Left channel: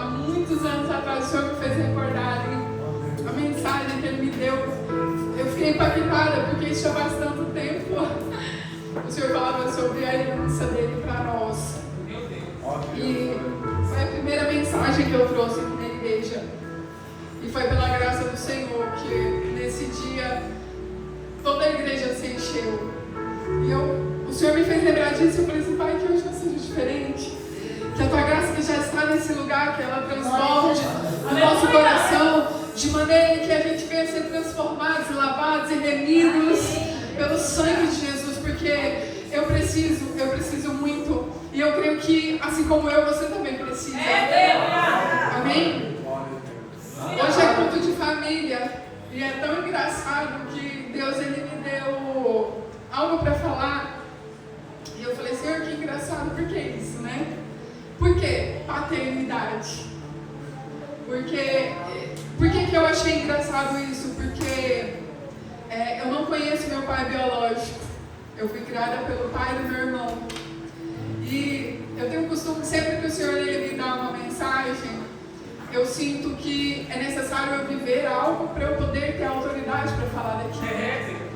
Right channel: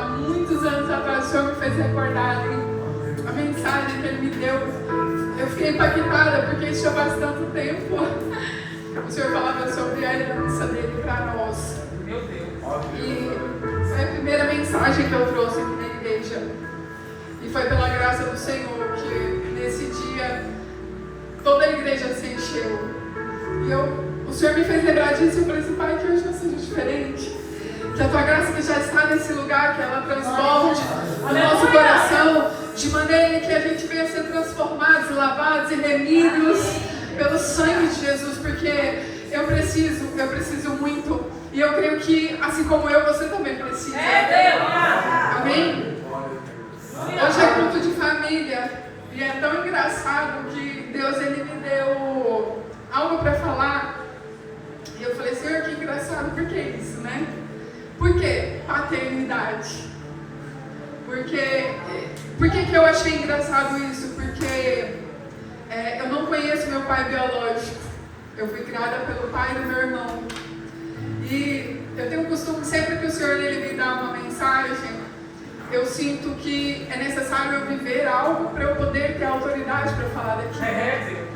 há muitos anos atrás, o Senhor me fez recordar a mensagem que Ele me deu. Eu fiquei impactada porque isso já faz tanto tempo. O Senhor falava sobre a herança dele para nós. E foi a primeira mensagem que eu trouxe aqui na igreja. E foi pela graça do Senhor que nesse dia toda a igreja se encheu. E o Senhor me fez lembrar disso e eu falei assim, Pai, que hoje não seja diferente. Que a Tua graça que já está nesse lugar, que ela transborde no nosso coração, de maneira que a gente venha ser transformados, lavados e remidos pelo sangue de Jesus, porque eu preciso muito. E eu creio que, assim como eu, você também precisa. Amém? Hoje é culto de família. E é tão engraçado que Deus, Ele me deu algo para falar. E eu falei, Senhor, que engraçado, por que isso, né? Por que paternidade? Por que eu achei engraçado isso? Porque eu não conheço meu pai biológico. Eu fui criada pelo pai do meu irmão. E eu tenho o costume, sempre que o Senhor ele me dá uma mensagem, eu sinto que é necessário eu viver algo para eu poder ter autoridade para falar daquilo.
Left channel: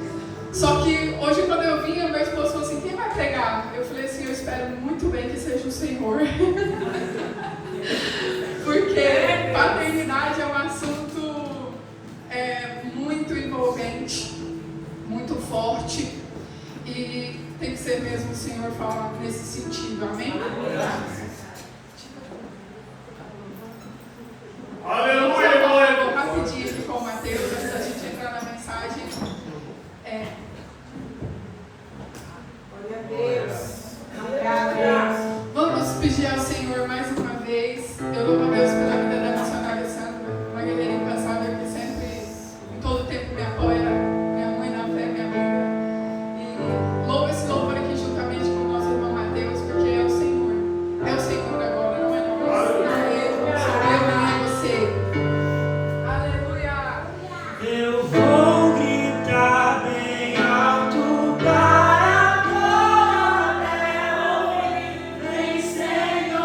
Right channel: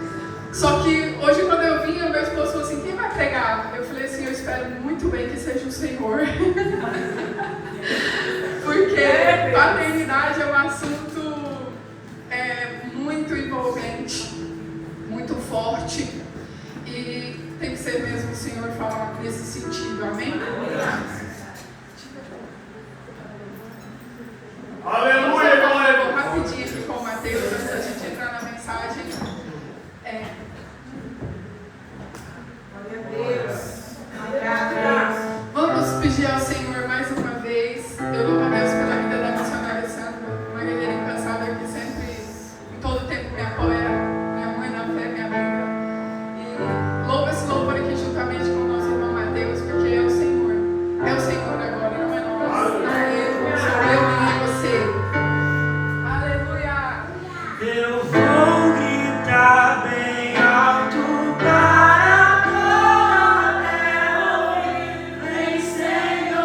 Só que hoje, quando eu vinha, meu esposo falou assim, quem vai pregar? Eu falei assim, eu espero muito bem que seja o Senhor. Porque paternidade é um assunto muito envolvente, muito forte. E tem que ser mesmo o Senhor falar nesse sentido. Amém? Aleluia, glória. Eu vou rapidinho aqui com o Mateus, antes da gente entrar na mensagem. Glória a Deus. Obrigada. Vamos pedir ao Senhor mais uma vez. Eu louvo a Deus pela vida da missionária Sandra, uma guerreira incansável que sempre, em todo tempo, me apoia, minha mãe na fé, minha amiga. E louvo esse louvor aqui juntamente com o nosso irmão Mateus, porque é o Senhor. É o Senhor agora, não é nós. Não é eu, não sou eu, nem é você. Aleluia! Eu vou gritar bem alto para fora até ouvir. Vem, Senhor.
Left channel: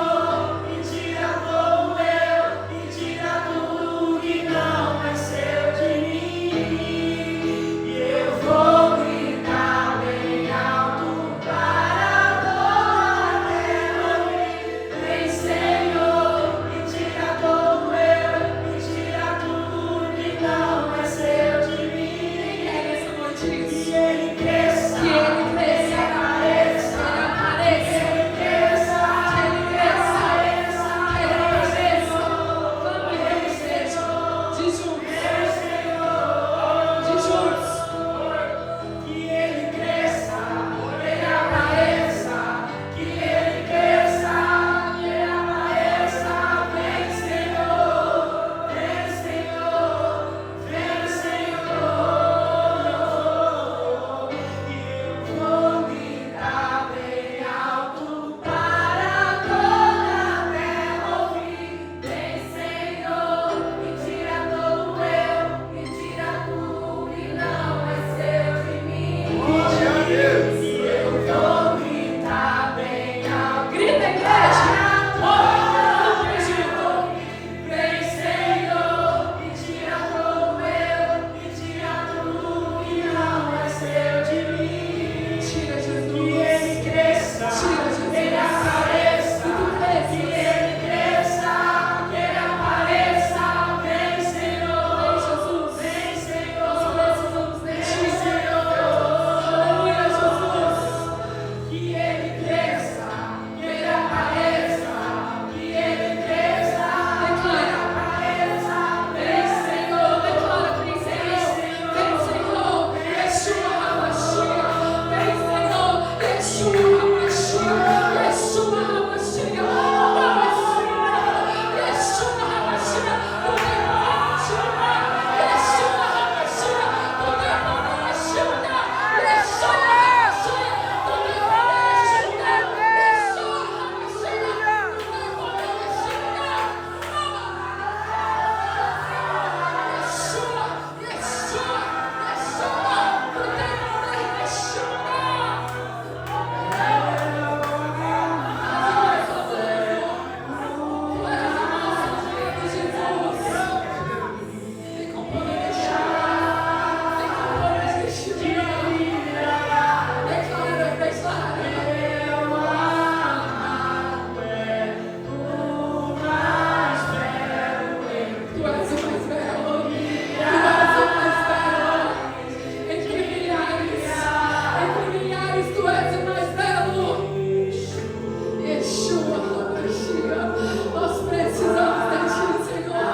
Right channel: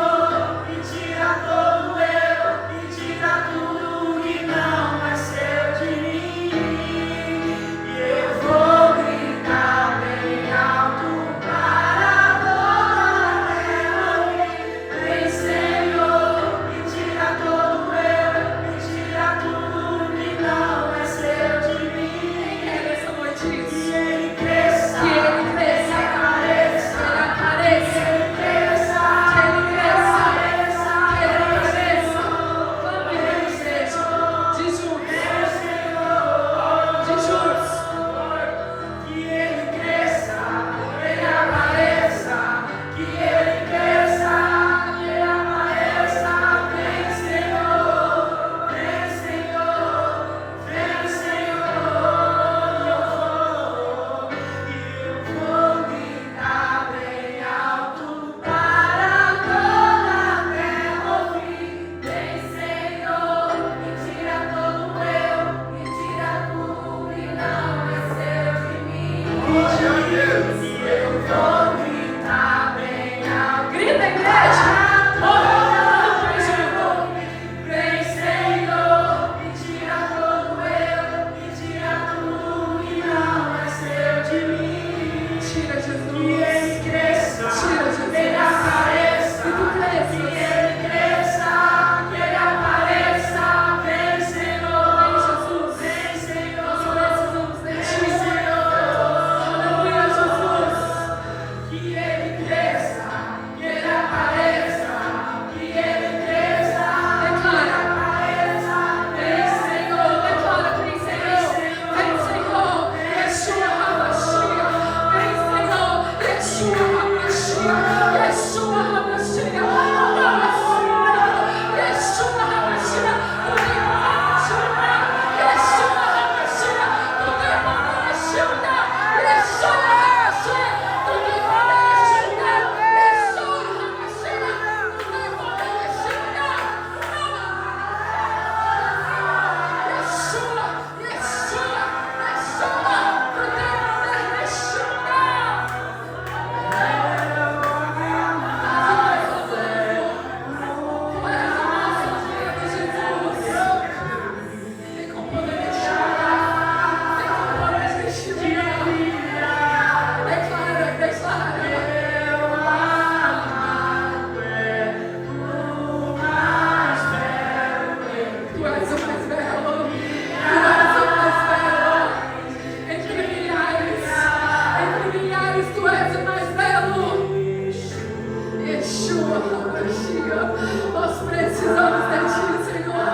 Nós precisamos de Ti, Senhor.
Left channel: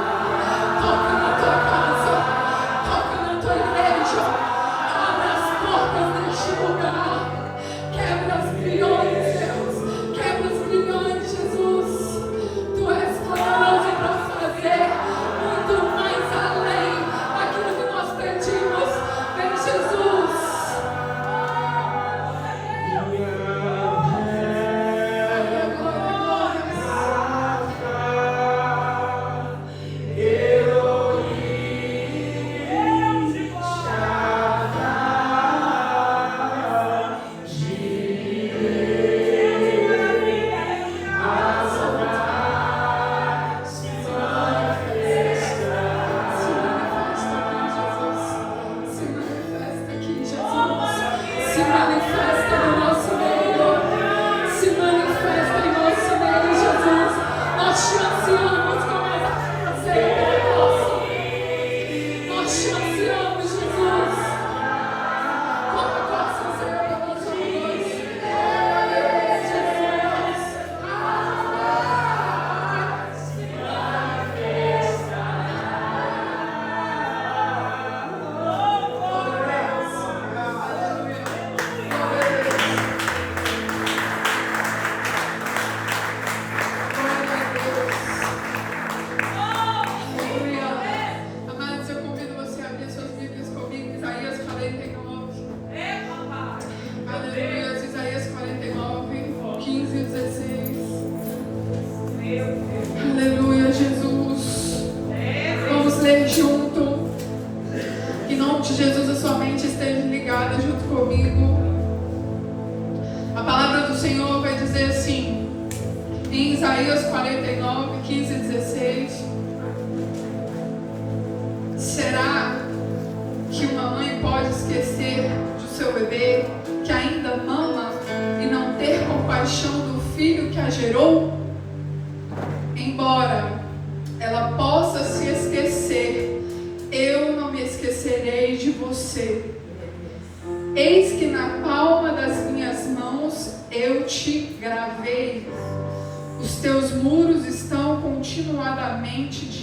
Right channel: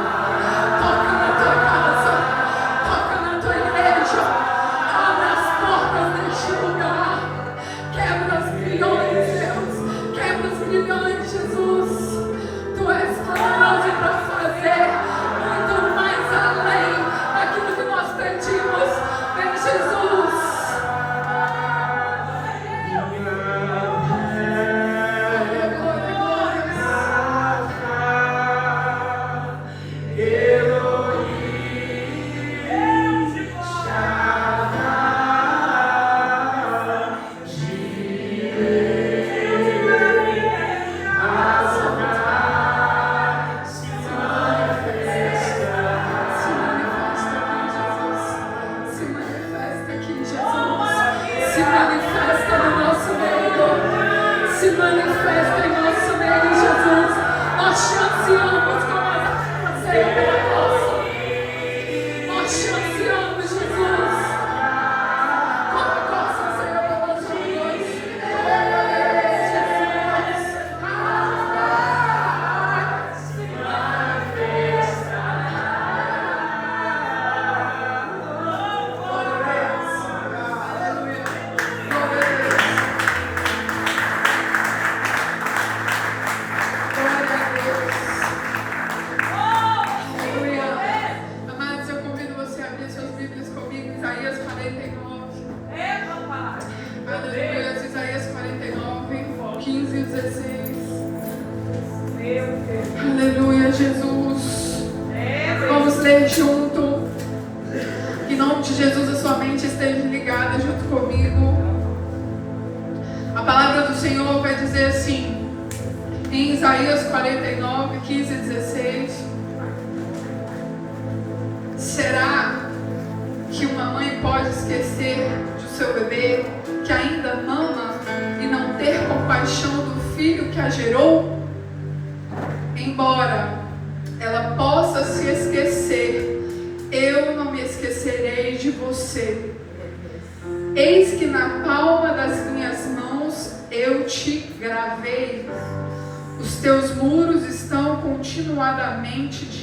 Toca na Tua casa, toca na Tua igreja, abre as portas deste lugar, quebra as grilhões, Deus, quebra os grilhões, Jesus. Tu és poderoso para fazer muito mais além daquilo que nós pedimos. Vem, Jesus.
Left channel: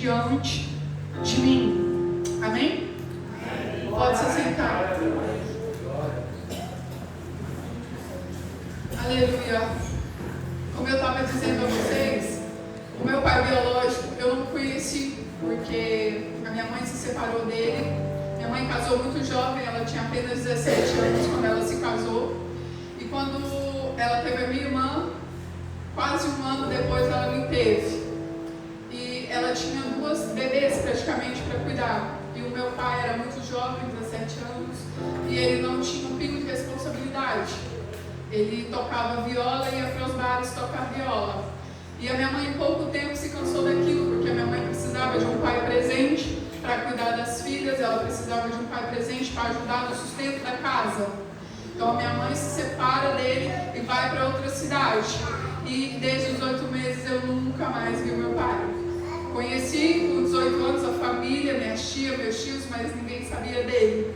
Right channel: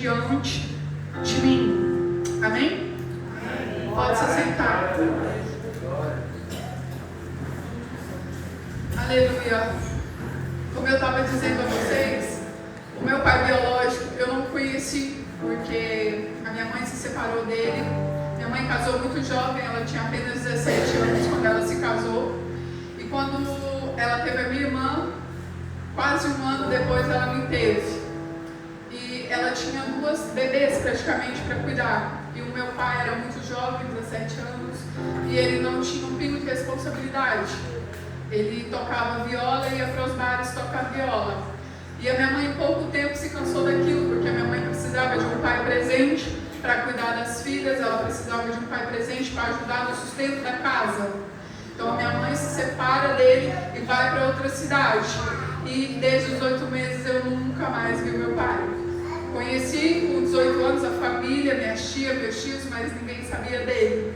Diante de mim. Amém? Pode se sentar. Aleluia. Como eu estava dizendo a vocês, o meu pai biológico eu não conheci porque a minha mãe se separou dele. Minha mãe casou muito jovem, ela tinha apenas 17 anos quando ela se casou. E quando ela teve a minha irmã, quase um ano depois ela me teve. Ela tinha 2 bebês praticamente para cuidar. E o meu pai era muito jovem, 17 anos, e ele não tinha um pingo de responsabilidade. Ele tocava viola e ia para os bares tocar viola. E a minha mãe em pouco tempo se cansou daquilo, porque a minha mãe precisava de um pai presente para cuidar das filhas, ela precisava de um pai presente para ajudar no sustento da casa. Então a minha mãe se separa dele e vai para outra cidade. E desde os 8 meses eu nunca mais vi meu pai. Conheci com 18 anos a família, minha tia, meus tios, mas ninguém sabia dele.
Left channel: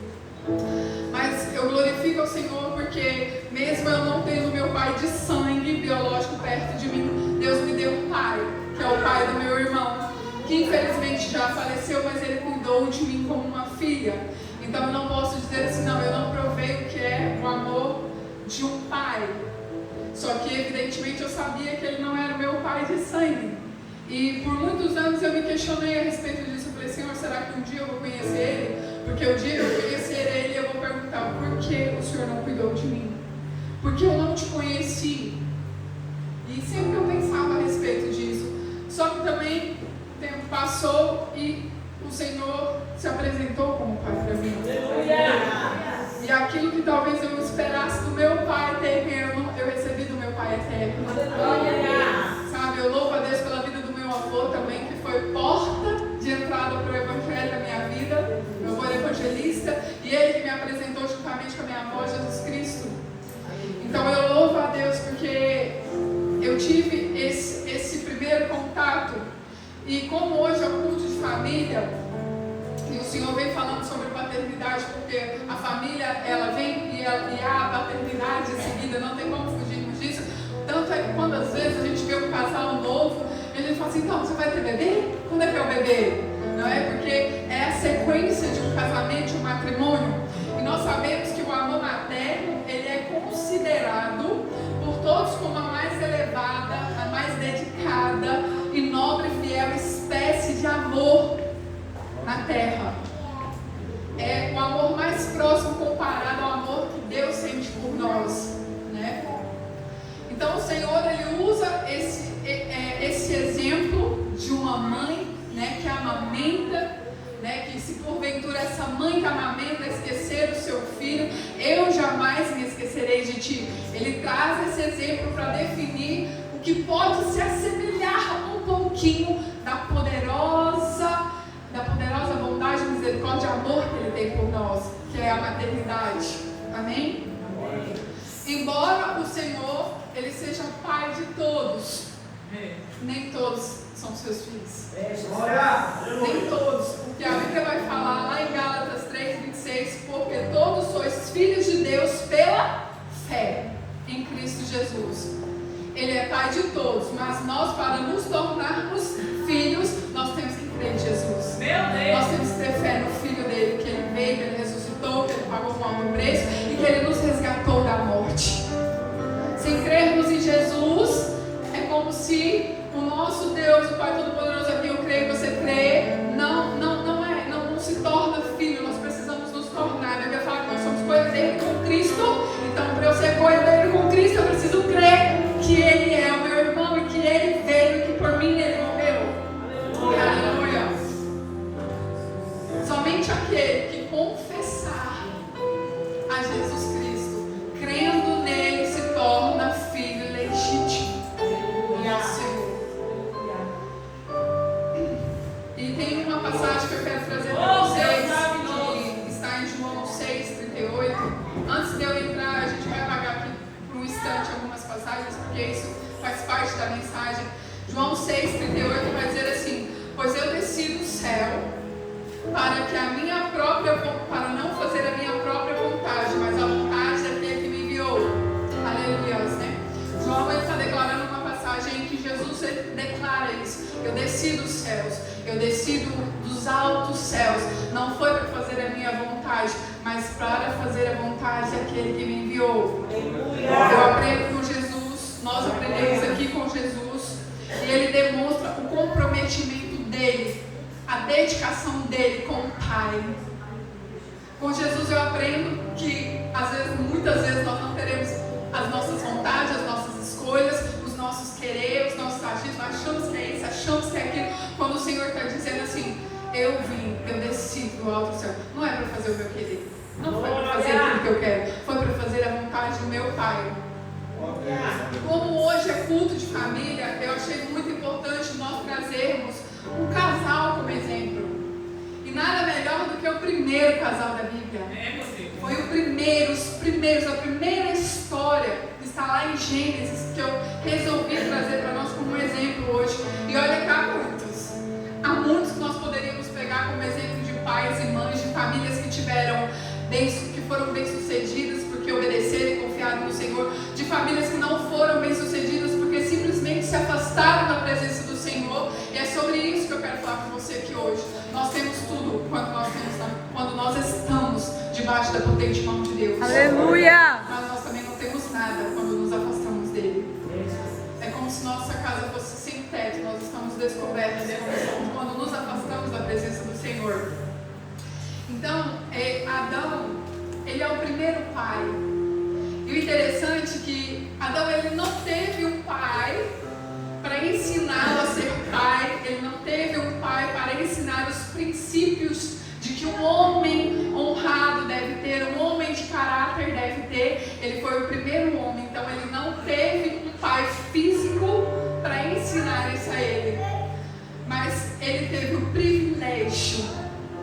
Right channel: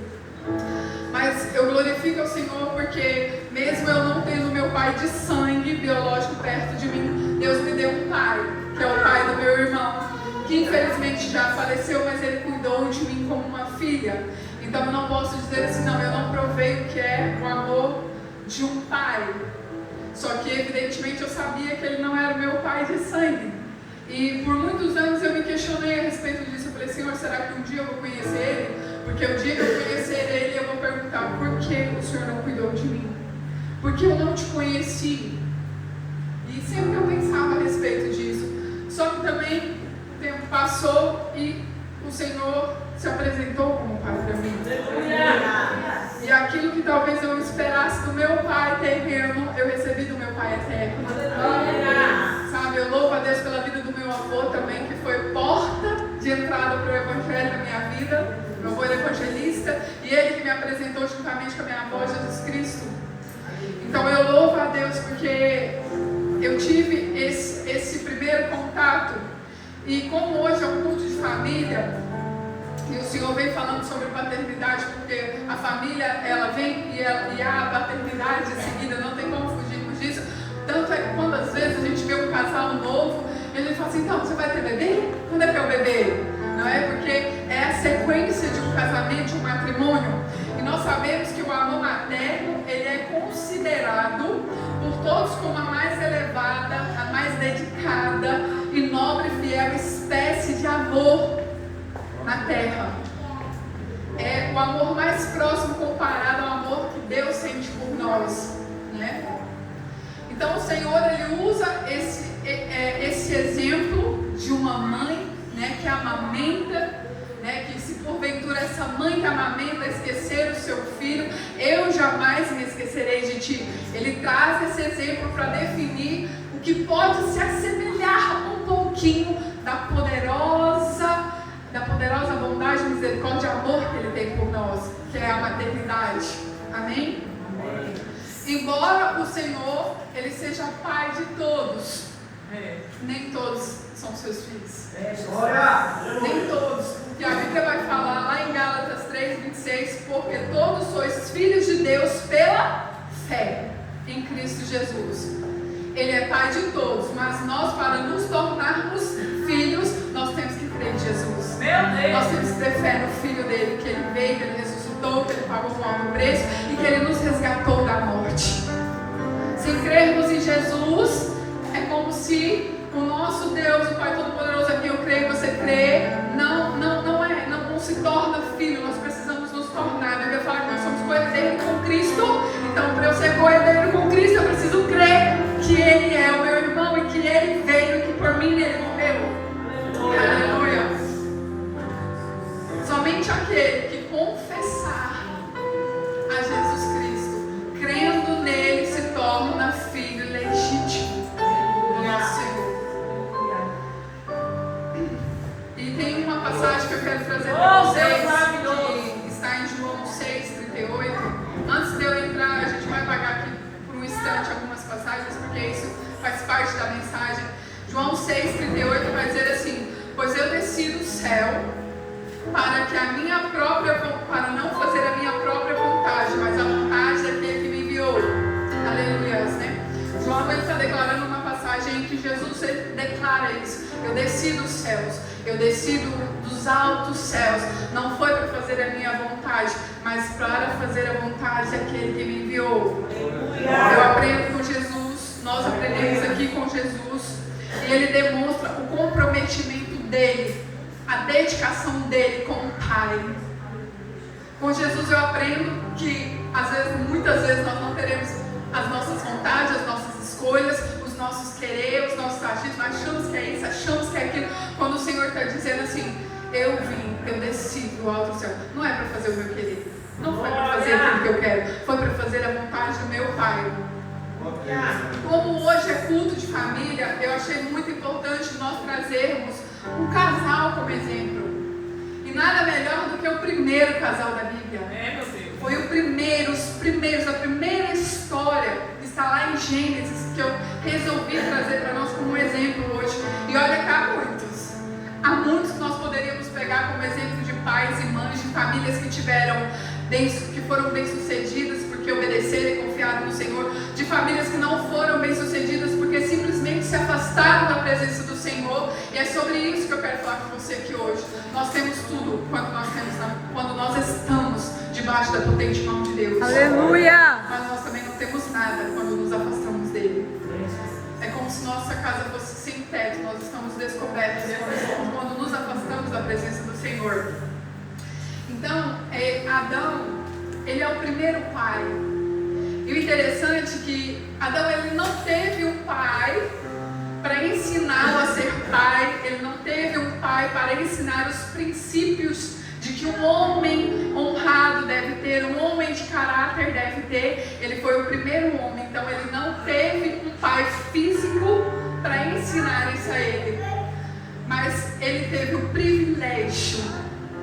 Mas eu glorifico ao Senhor porque mesmo eu não tendo meu pai de sangue biológico perto de mim, Deus me deu um pai, que é o pai do meu irmão, que infelizmente já faleceu, mas ele cuidou de mim como uma filha. Então eu não posso dizer assim, não, eu não provei o que é o amor de um pai. Só que evidentemente eu sabia que ele não era o meu pai de sangue. E por muitos anos eu me questionei a respeito disso. Eu falei, Senhor, será que um dia eu vou conhecer Ele? Porque o dia que eu conhecer Ele, eu vou perguntar, por que o Senhor não cuidou de mim? Porque eu não te conheci. E sempre eu pensava a respeito disso. Só que também o tempo passou e o Senhor se apresentou como Pai para mim. E aquilo que talvez eu esperasse do meu Pai terreno, eu recebi do meu Pai eterno. Sabe, eu louvo a Deus pela vida do meu avô também, que foi porta de entrada para o Evangelho na minha vida. Meu avô era evangelista e ele que me apresentou juntamente com a minha avó, Jesus Cristo. Então eu louvo a Deus porque eu tive esse primeiro contato. E como hoje é um culto de família, e o Senhor vem falando sobre paternidade, porque a família, ela vem e há a paternidade em seguida, não tem como fugirmos disso. Tanto é que quando às vezes a gente vê um casal novo, assim, então, você vai ter bebê? Quando é que é o bebê? Não é? Porque é a sequência de um casamento, de um matrimônio. E nós sabemos que o amor materno, ele é considerado por todos como a mais elevada, a mais dedicada e nobre e fiel espécie de amor na terra. É o amor mais próximo comparado ao amor que Deus sente por nós, né? Então o Senhor, ele usa esse exemplo de uma mãe, né, que amamenta, né, que se porventura essa mãe que amamenta esquecer o seu filho, eu jamais me esquecerei de ti. Ele traz esse exemplo para definir o que pode se assemelhar um pouquinho da poderosa bondade, misericórdia e amor que ele tem por nós, que é a maternidade. Amém? Amém. Embora o Senhor, ele seja pai de todos, nem todos são seus filhos. Nem todos. Porque a Bíblia vai falar lá em Gálatas 3:26, porque todos sois filhos de Deus pela fé em Cristo Jesus. Ele é pai de todos, mas nós, para nos tornarmos filhos, nós temos que crer em Jesus. Nós temos que ter fé no Filho dele, que ele veio, que ele ressuscitou, que ele pagou um alto preço e que ele nos resgatou da morte. Sem crermos em Jesus, é como se o nosso Deus, o Pai Todo-Poderoso, aqui eu creio, você crê, não se torna filho. Nós precisamos nos tornar. A Bíblia fala que nós somos coerdeiros com Cristo. Então, para eu ser coerdeiro com Cristo, eu preciso crer que Ele é o meu irmão e que Ele veio e que por mim Ele morreu. Aleluia. Somente aquele que confessar a Jesus Cristo, crendo nele, se torna filho legítimo do nosso Senhor. E tem uma passagem que eu quero trazer para vocês, que está em João 6:38. Antes de eu entrar, a gente vai apagar aqui por um instante algumas passagens, porque isso faz parte da mensagem. João 6:38 vai dizer assim: pois eu desci do céu para não fazer a minha própria vontade, mas a vontade daquele que me enviou. Aleluia, né? João está declarando uma passagem em que Jesus declara isso: eu desci dos céus, eu desci dos altos céus, não foi para fazer a minha vontade, mas para fazer a vontade daquele que me enviou. Eu aprendo com Jesus, nós aprendemos aqui com Jesus, e ele demonstra o comprometimento dele, a dedicação dele com o Pai. Com Jesus eu aprendo que muitas vezes nós não teremos as nossas vontades, as nossas escolhas, os nossos querer, os nossos agidos, nós achamos que é isso, achamos que é aquilo, quando o Senhor está dizendo assim: eu desci do alto céu, não é para fazer o meu querer, não foi para fazer aquilo que eu quero, foi para fazer a vontade do meu Pai. Como hoje é culto de família, eu achei muito importante nós trazermos um casal como exemplo. E nada melhor do que o primeiro casal da Bíblia. Foi os primeiros, a primeira história que está lá em Gênesis, que eu resolvi trazer para nós como exemplo hoje. E olha que há muitos que nós poderíamos pegar como exemplo de pais e mães, de famílias que foram bem-sucedidas porque obedeceram e confiaram no Senhor, de famílias que não foram bem-sucedidas porque simplesmente se afastaram da presença do Senhor. E é sobre isso que eu quero falar com você aqui hoje. Nós temos tudo quando nós estamos debaixo da potente mão de Deus. Aleluia! Mas nós também não temos nada quando nos afastamos dele. É como se nossa casa fosse sem teto, nós estamos descobertos quando nos afastamos da presença do Senhor. Então, Adão, ele é o primeiro pai. E o interessante é que Adão, ele não teve um pai para ensiná-lo a ser pai. Ele não teve um pai para ensinar os princípios de que um homem honrado deve ter, um homem de caráter deve ter. Ele foi o primeiro homem, então ele não teve um pai físico para ensinar isso a ele. Mas ele teve o privilégio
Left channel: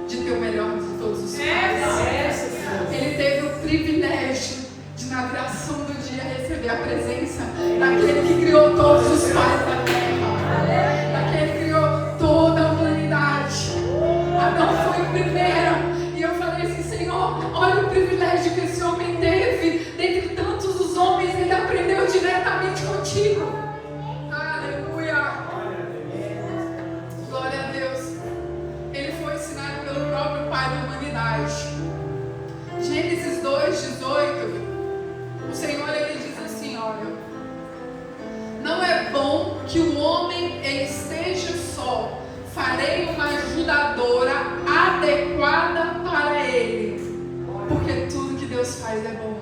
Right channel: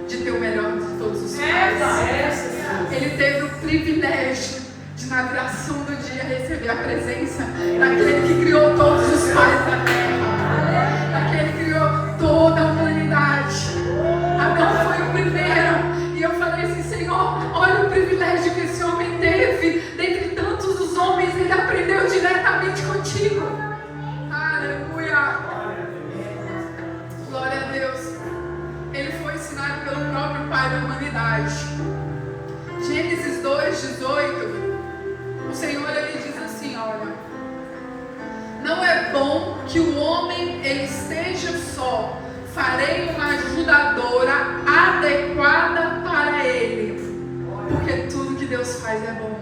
de ter o melhor de todos os pais. Ele teve o privilégio de, na viração do dia, receber a presença daquele que criou todos os pais da terra, daquele que criou toda a humanidade. Adão foi o primeiro, e eu falei assim: Senhor, olha o privilégio que esse homem teve. Dentre tantos os homens, ele aprendeu diretamente contigo. Aleluia. homem ele esteja só, farei uma ajudadora adequada para ele, porque tudo que Deus faz é bom.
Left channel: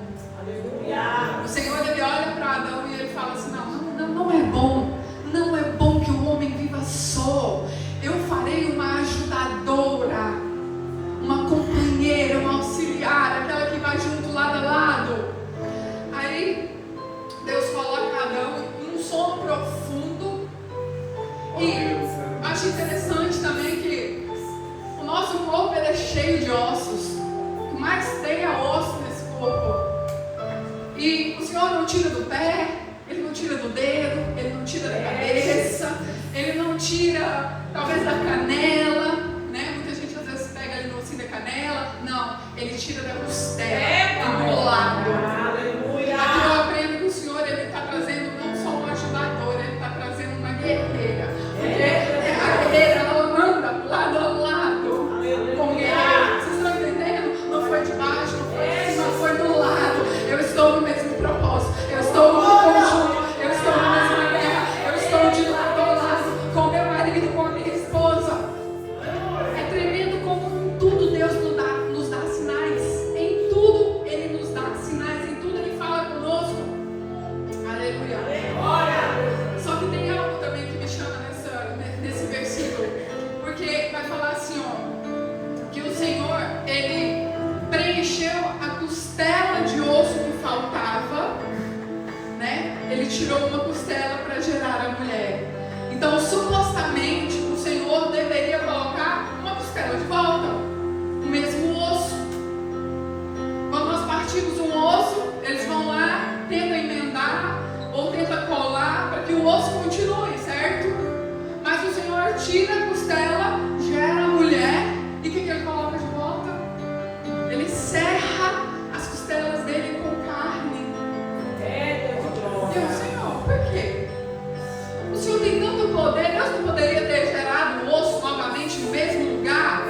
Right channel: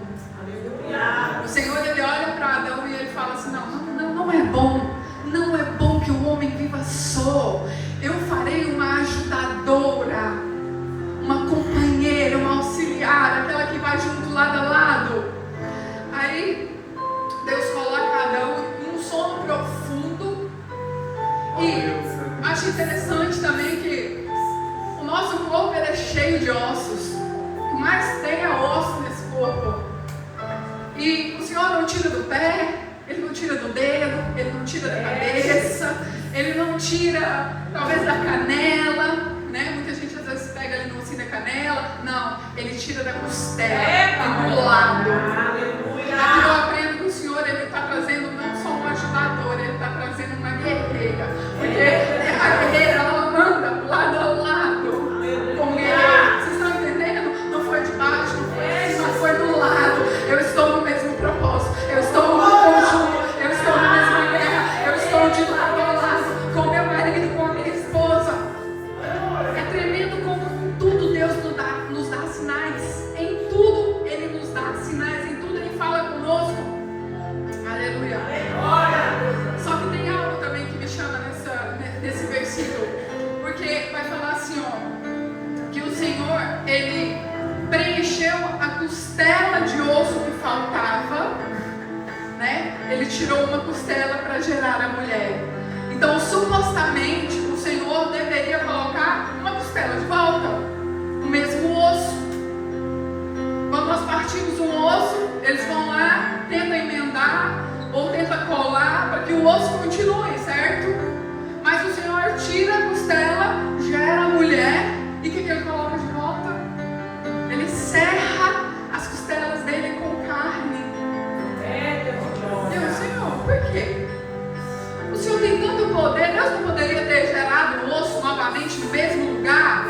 O Senhor ele olha para Adão e ele fala assim: não é bom, não é bom que o homem viva só. Eu farei uma ajudadora, uma companheira, uma auxiliar, aquela que vai junto lado a lado. Aí Deus coloca Adão em um sono profundo. E acho interessante também que o nosso corpo ele é cheio de ossos. O que mais tem é osso nesse corpo. E o Senhor não tira do pé, Ele não tira do dedo, Ele não tira da cabeça, Ele não tira talvez da canela, né? Muita gente às vezes pega ali no ossinho da canela. Não, Ele tira da costela, do lado. Aqui eu aprendo que o Senhor ele está trazendo não só uma ajudadora, Ele está trazendo uma guerreira. Porque a guerreira ela anda lado a lado como guerreira. Vocês estão entendendo? Não foi de baixo, não foi de cima, foi do lado. Eu estou no mesmo propósito, eu estou no conjunto, eu estou na mesma guerra, eu estou de lado a lado com meu marido, com a minha esposa. É tremendo como em tudo Deus nos dá sinais. Em tudo Ele nos dá sinais, em tudo Ele fala conosco. Aleluia. Só que tem algo também que me chama nesse versículo, porque vai falar assim, ó, que o Senhor Ele preencheu a costela de osso que faltava, né? Ele tirou uma costela para gerar a mulher. Então, supostamente, o Senhor deveria colocar uma costela de volta, o mesmo osso. Quando nós partimos um osso, eles vão lá, tentam emendar ou tentam colar para que o osso continue, certo? Mas o Senhor tira a costela, gera a mulher, e o que Ele coloca de volta? Ele serra as costelas dele com carne. Deus, Senhor, por quê? O Senhor tem tanto poder, Deus não poderia ter gerado o osso novamente no mesmo lugar?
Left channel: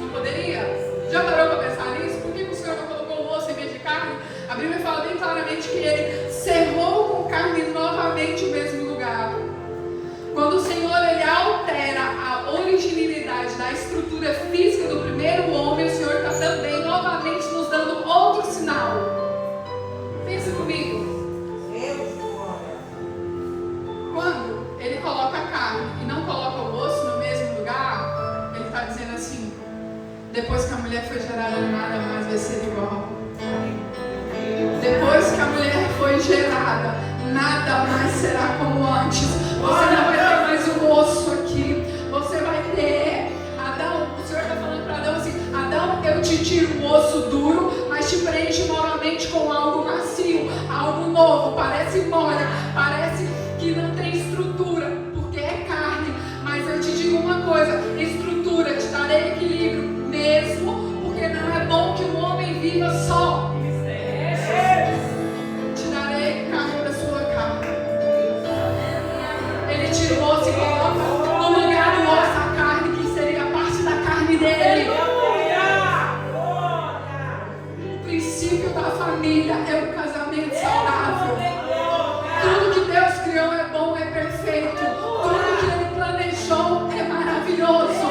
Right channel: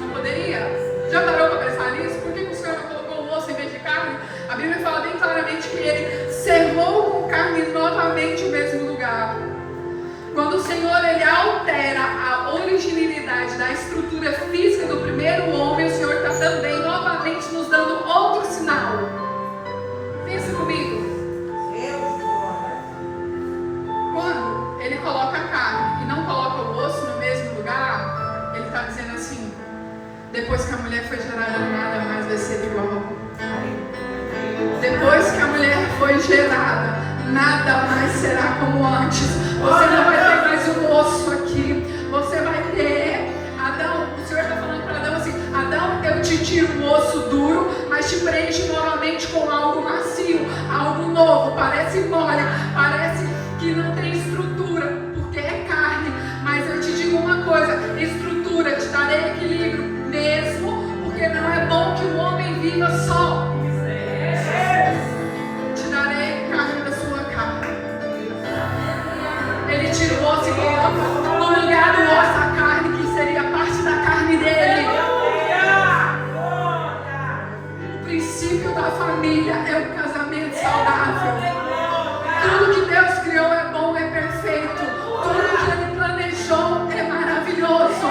Não poderia? Já parou para pensar nisso? Por que o Senhor não colocou o osso em vez de carne? A Bíblia fala bem claramente que Ele cerrou com carne novamente o mesmo lugar. Quando o Senhor ele altera a originalidade da estrutura física do primeiro homem, o Senhor está também novamente nos dando outro sinal. Pensa comigo. Quando Ele coloca a carne e não coloca o osso no mesmo lugar, Ele está dizendo assim: depois que a mulher foi gerada, nada mais vai ser igual. Depois que a mulher foi gerada, nada mais será como antes. Você não vai ter mais um osso aqui. Você vai ter, Adão, o Senhor está falando para Adão assim: Adão, eu te tiro o osso duro, mas te preenche novamente com algo macio, algo novo. Parece mole, parece que não tem estrutura, porque é carne. Mas eu te digo uma coisa: estrutura, te darei equilíbrio mesmo, porque não é bom que o homem viva só. Te darei carne da sua carne. Ele tira o osso e coloca no lugar do osso a carne, que seria parte da carne dele. O princípio da família é o casamento saudável. Tudo que Deus criou é bom, é perfeito. Tudo que Ele planejou é maravilhoso.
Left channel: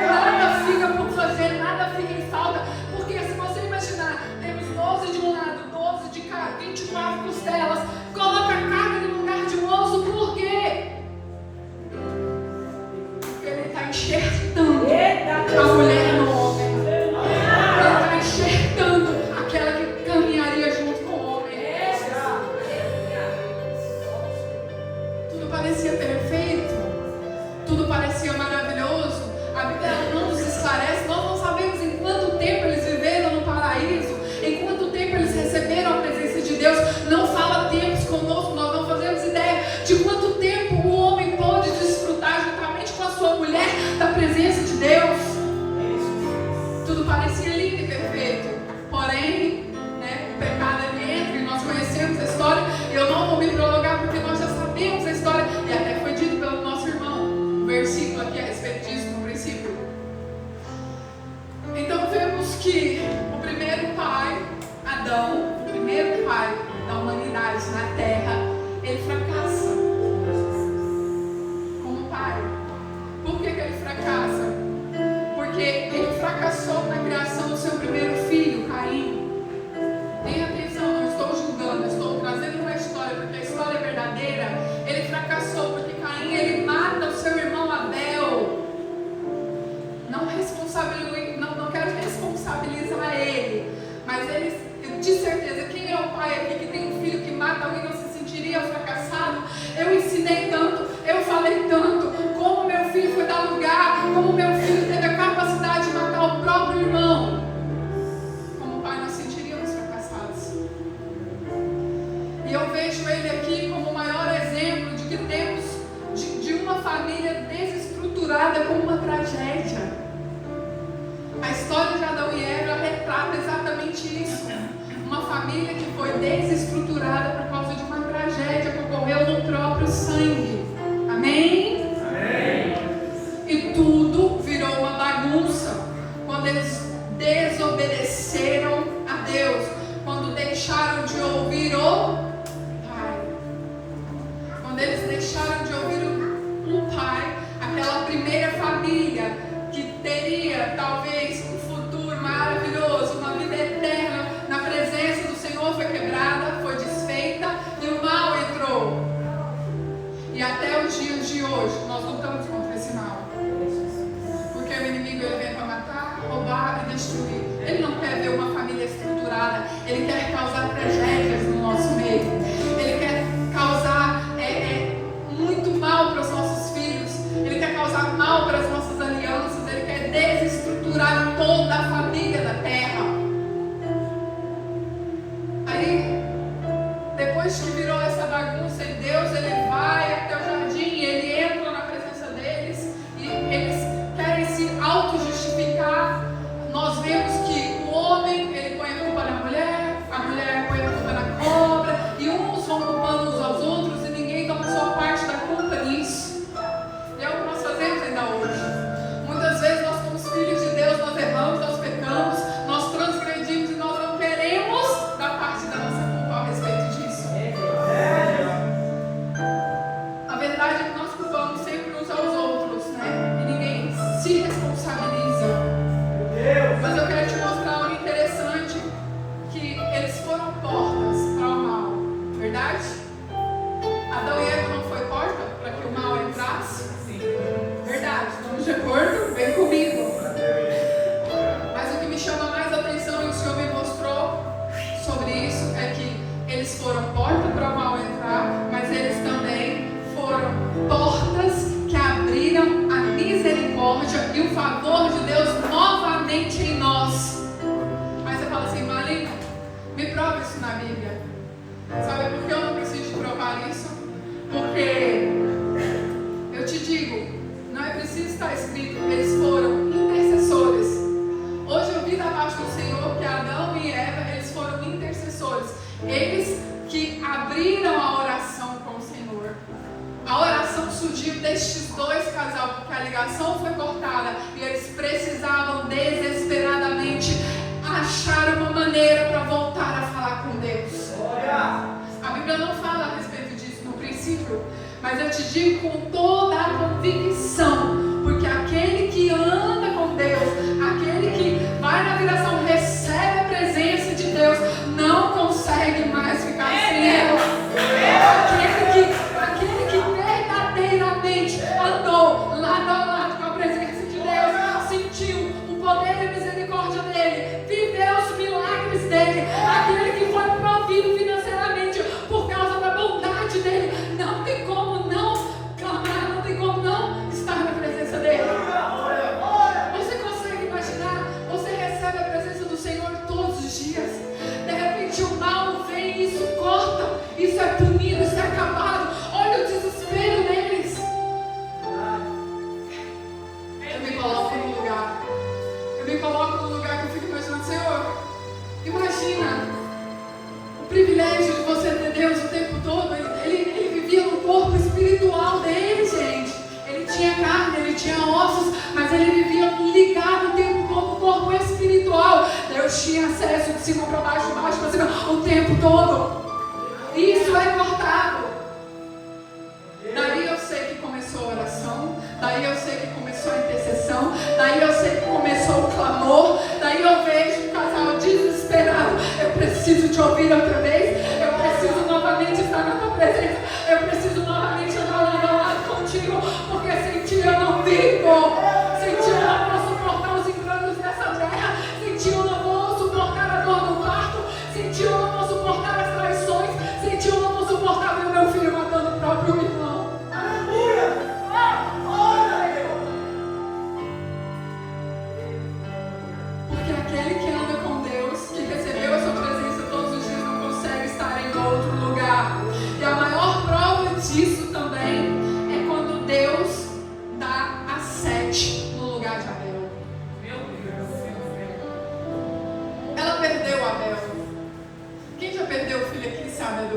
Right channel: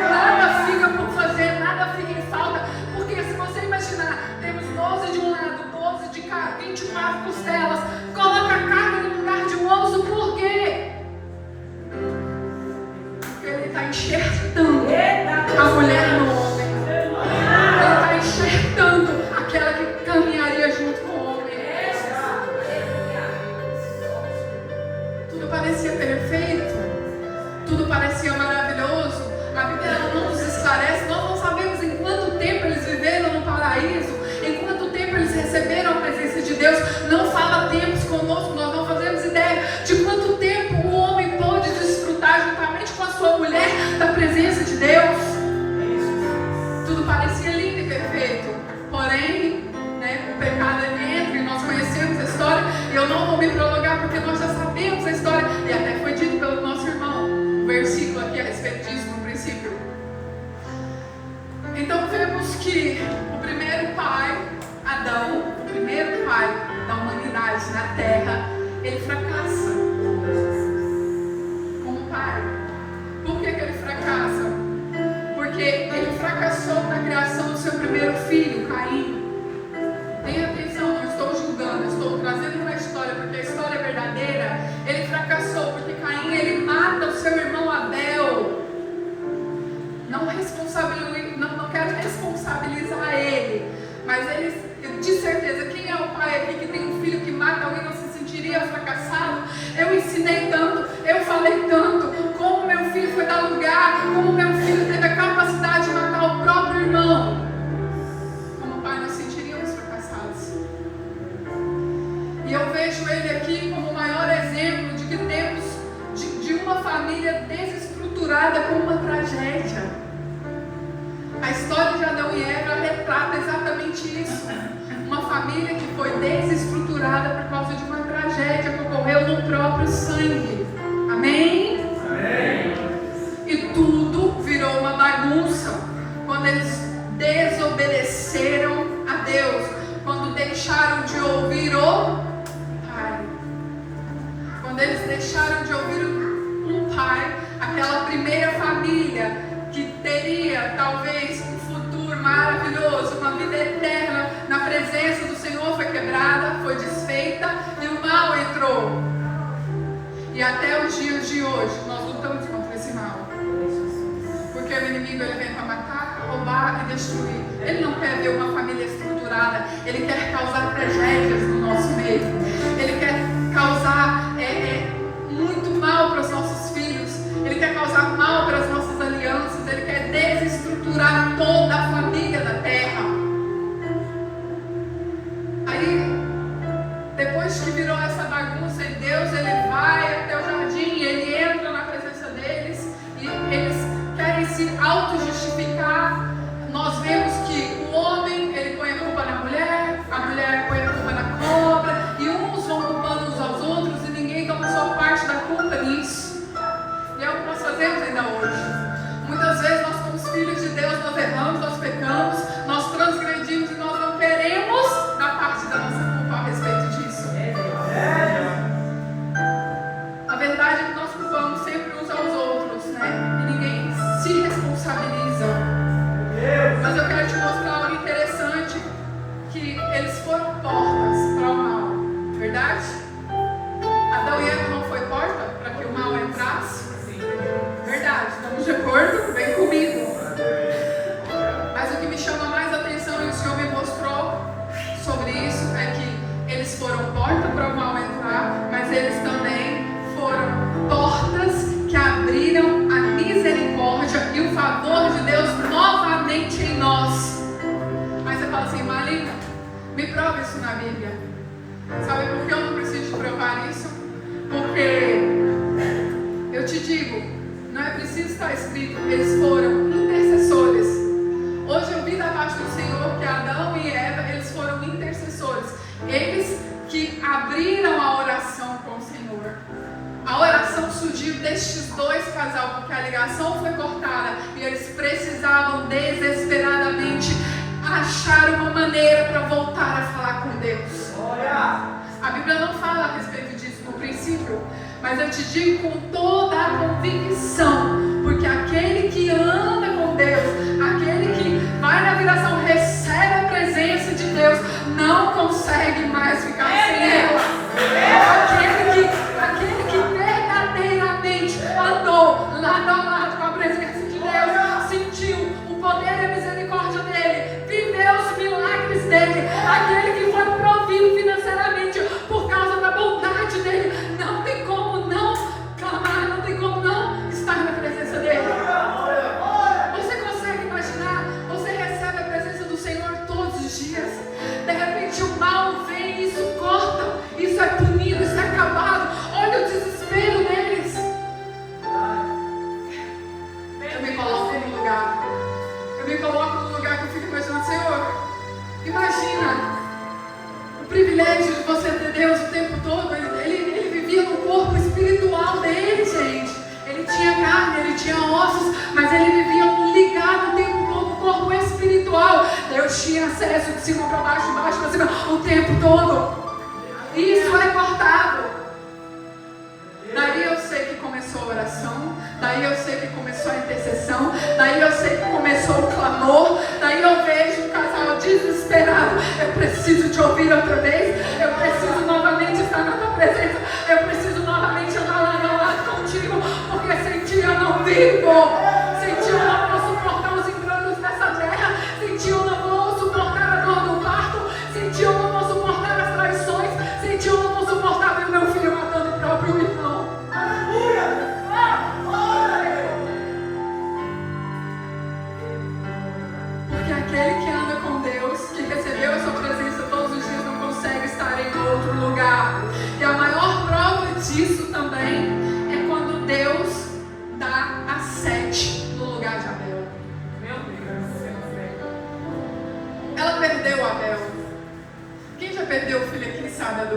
Nada fica por fazer, nada fica em falta. Porque se você imaginar, temos 12 de um lado, 12 de cá, 24 costelas. Coloca a carne no lugar de um osso, por quê? Porque Ele está enxertando a mulher no homem. Ele está enxertando aquela que caminharia junto com o homem. Tudo parecia perfeito, tudo parecia maravilhoso. A Bíblia não nos esclarece, nós não sabemos em quanto tempo eles viveram no paraíso, em quanto tempo eles receberam a presença de Deus. Não fala tempos conosco, nós não fazemos ideia de quanto tempo o homem pôde desfrutar juntamente com a sua mulher da presença de Deus. Tudo parecia lindo e perfeito, porém, né, o pecado ele entra e nós conhecemos a história. E eu não vou me prolongar porque nós já sabemos a história e até foi dito pelo nosso irmão um versículo aqui a respeito disso no princípio. Então vemos que o primeiro pai, Adão, o primeiro pai da humanidade na terra, Mas eles, de certeza, quem é o pai aqui que tem um filho que mata alguém não se sentiria fracassado? Eu ensinei tanto, eu falei tanto, como meu filho foi dar lugar, como meu filho teve a capacidade de matar o próprio irmão. Como pai, nós sentiríamos fracassados. E eu vejo ele aqui como o maior exemplo de que temos de uma família desestruturada como uma tragédia. A história de Adão e Eva retrata exatamente isso. Uma família que foi desestruturada por causa de uma tragédia que ocorreu no próprio sangue. Amém? Amém. E tudo virou uma bagunça quando eles desobedeceram a Deus, quando deixaram de ouvir o Pai. Quando eles deixaram de ouvir o Pai, aquela primeira família que teria talvez um futuro maravilhoso, uma vida eterna na presença do Senhor, foi quebrada, foi desfeita e o mal entrou. E até os dias de hoje nós lutamos contra esse mal, porque o inimigo ele vem para matar, roubar e destruir. Ele não quer ver uma família estruturada, ele quer causar tragédias no nosso meio, ele quer causar muito mal para os nossos filhos, ele quer causar mal para as nossas alianças, ele quer desestruturar toda a família da terra. Aí, depois que virou essa bagunça em Deus, ele vai até o jardim, ele entra na presença deles e eles querem se auto-justificar. Nós vemos que o homem, ele põe a culpa na mulher, a mulher põe a culpa na cobra, e uns vão culpando uns aos outros e ninguém toma só parte da culpa nisso. E é o que nós fazemos ainda hoje. Muitas vezes nós somos filhos de Deus, nós erramos, nós pecamos, nós transgredimos e nós não queremos dar parte da nossa culpa a respeito disso. A verdade é que nós culpamos sempre uns aos outros, né? E ninguém se responsabiliza. Mas eu quero te mostrar algo interessante, que eles foram portas para o mal, verdade? Adão e Eva não foi porta para que o mal entrasse? Sim. Verdade, estamos de acordo? Vem comigo. Mas o que me chama mais atenção e o Senhor me mostrou sobre isso é que eles foram porta para o mal entrar, mas eles também foram portas que abriram a misericórdia e o favor de Deus novamente em nós. Mas você fala assim, Marlene, me prova isso na Bíblia. Sabe por que eu não preciso te provar isso? Porque eu te digo, não é preciso estar escrito, eles foram intercessores. Hoje eu vi da parte do Senhor que Adão e Eva, eles foram intercessores. Eles que abriram a oração com o Senhor. A oração surgiu destes dois casais, porque a ligação foi cortada e eles precisavam desesperadamente achar uma maneira para voltar a falar com Deus. A Bíblia não fala a respeito disso no princípio, mas eu te digo com toda a convicção, porque aquele que anda com Deus, aquele que vai na viração, recebe a presença de Deus, não consegue mais ficar sem ela. Aquele que verdadeiramente andou lado a lado com a presença de Deus, sentiu o poder e a misericórdia dele, viveu os milagres dele, aquele que foi provido financeiramente por causa da bondade dele, não tem como não clamar, não tem como não estar na presença dele. Você consegue imaginar? Você recebe a presença do Senhor todos os dias. De repente o mal vem e isso corta, isso é punido, isso é acabado. Olha o desespero deles. Eu me coloco no lugar. Eu me coloco no lugar que eu fico imaginando, Senhor, imagina o privilégio de você ter Deus o tempo todo. Ele vivia no corpo espiritual dele, gente. Ele tinha carne, ele tinha ossos, mas ele vivia ligado o tempo todo no corpo espiritual. Deus tinha acesso de cima para baixo, de baixo para cima, o tempo todo. Isso é cortado. Daí eu sei que começou a oração, daí eu sei que começou a intercessão, daí eu sei que começou o clamor, daí eu vejo um casal desesperado. Eu preciso te ouvir outra vez, eu preciso novamente estar na tua presença, eu preciso novamente andar lado a lado contigo, porque sem ti eu não vivo, sem ti eu não vou suportar os enganos dessa terra, sem ti eu não vou suportar a dor do pai.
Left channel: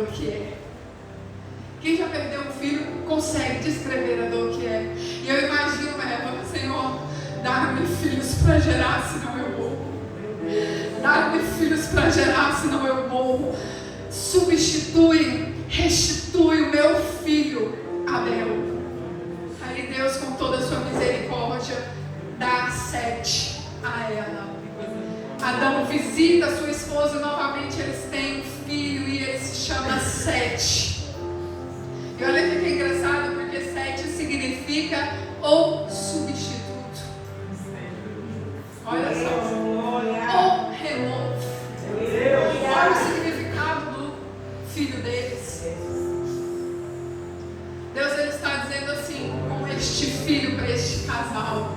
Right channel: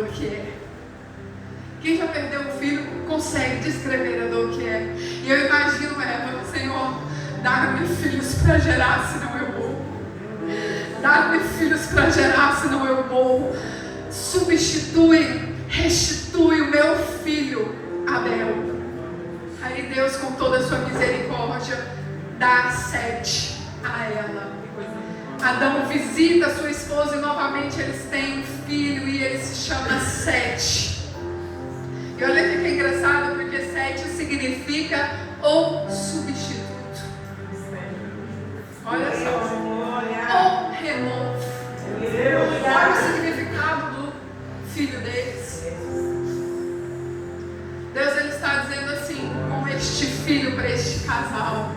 dor que é. Quem já perdeu um filho consegue descrever a dor que é. E eu imagino ela, Senhor, dá-me filhos para gerar, senão eu morro. Dá-me filhos para gerar, senão eu morro. Substitui, restitui o meu filho, Abel. Aí Deus, com toda a sua misericórdia, dá Sete a ela. Adão visita sua esposa e novamente eles têm um filho e ele se chama Sete. E olha que é engraçado, porque Sete significa o substituto. Olha só. O renovo. Olha o significado do filho deles. Deus, ele está dizendo assim, com este filho para este casal.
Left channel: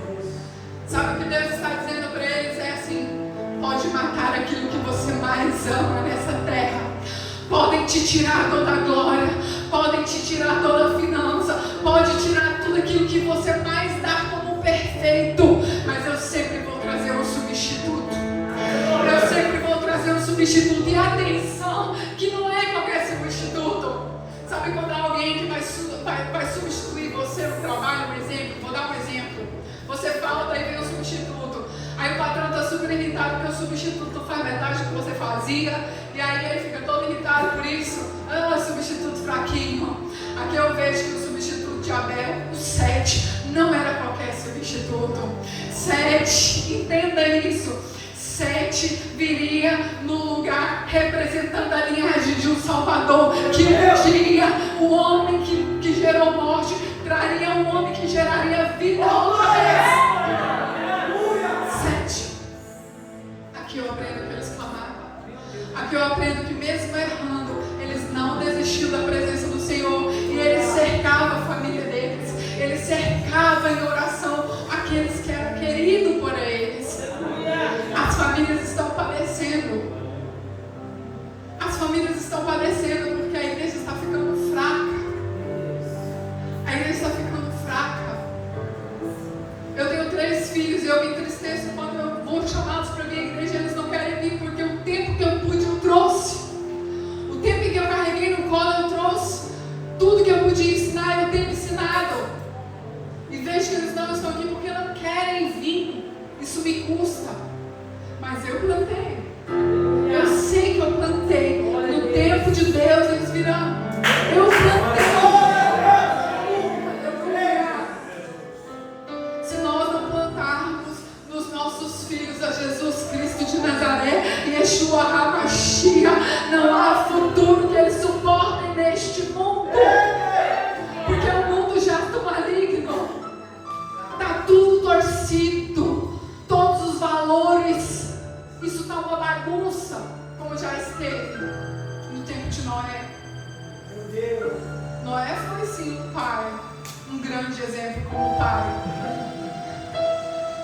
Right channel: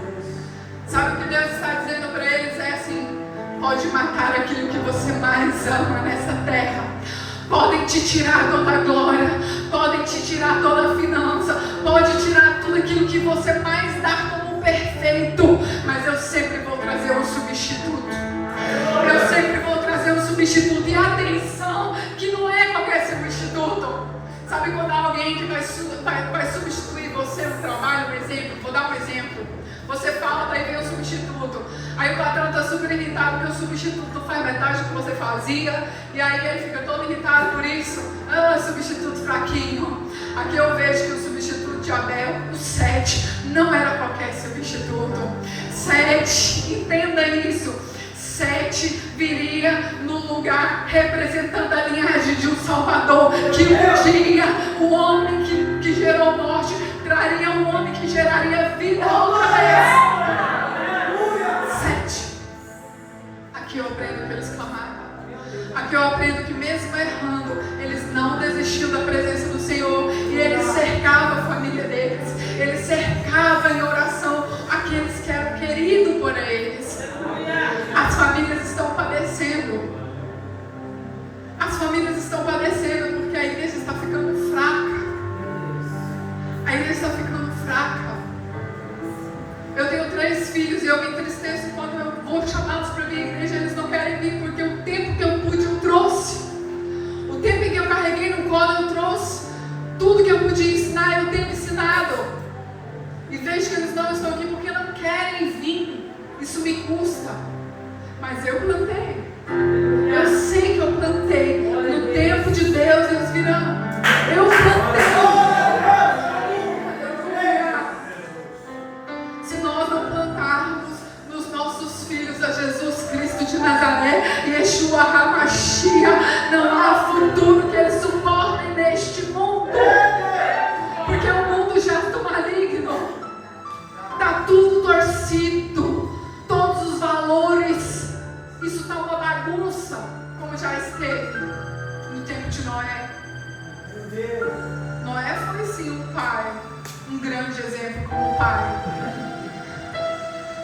Sabe o que Deus está dizendo para eles? É assim: pode matar aquilo que você mais ama nessa terra. Podem te tirar toda a glória, podem te tirar toda a finança, pode tirar tudo aquilo que você mais dá como perfeito, mas eu sempre vou trazer um substituto. Eu sempre vou trazer um substituto. E atenção, que não é qualquer substituto. Sabe quando alguém que vai substituir você no trabalho, por exemplo? Vou dar um exemplo. Você fala, daí vem o substituto. Aí o patrão está super irritado porque o substituto faz metade do que você fazia. E aí ele fica todo irritado por isso. Ah, substituto fraquinho. Aqui eu vejo que o substituto de Abel, o Sete, não era qualquer substituto. Sete, entenda isso. Sete viria no lugar representando a linhagem de um Salvador. Que um dia o homem que gerou morte traria um homem que geraria vida outra vez. Sete. Aqui eu aprendo que eles clamaram. Aqui eu aprendo que mesmo errando, eles não desistiram da presença do Senhor. E eles cercavam a família deles. Eles cercavam em oração aqueles que eram queridos por eles. As famílias estão padecendo. As famílias estão padecendo porque a igreja está ficando fraca. A igreja está ficando fraca. Eu tenho 3 filhos e eu me entristeço quando eu vou chamá-los para a minha igreja. Eles não querem vir porque o tempo que eu pude eu trouxe. O tempo que eu carreguei no colo eu trouxe. Tudo que eu podia ensinar eu tenho ensinado. E vejo que eles não estão aqui porque não querem vir. Isso me custa. Mas eu plantei. Eu sei que eu plantei. No tempo de Deus eles virão. Eu plantei. Se nós não plantarmos nos nossos filhos a Jesus Cristo de Nazaré e Yeshua HaMashiach, não há futuro que eles suportem neste mundo. Porque o mundo já está maligno. Está tudo torcido. Todos os valores. Isso está uma bagunça, como já esteve no tempo de Noé. Noé foi sim um pai, um grande exemplo como pai.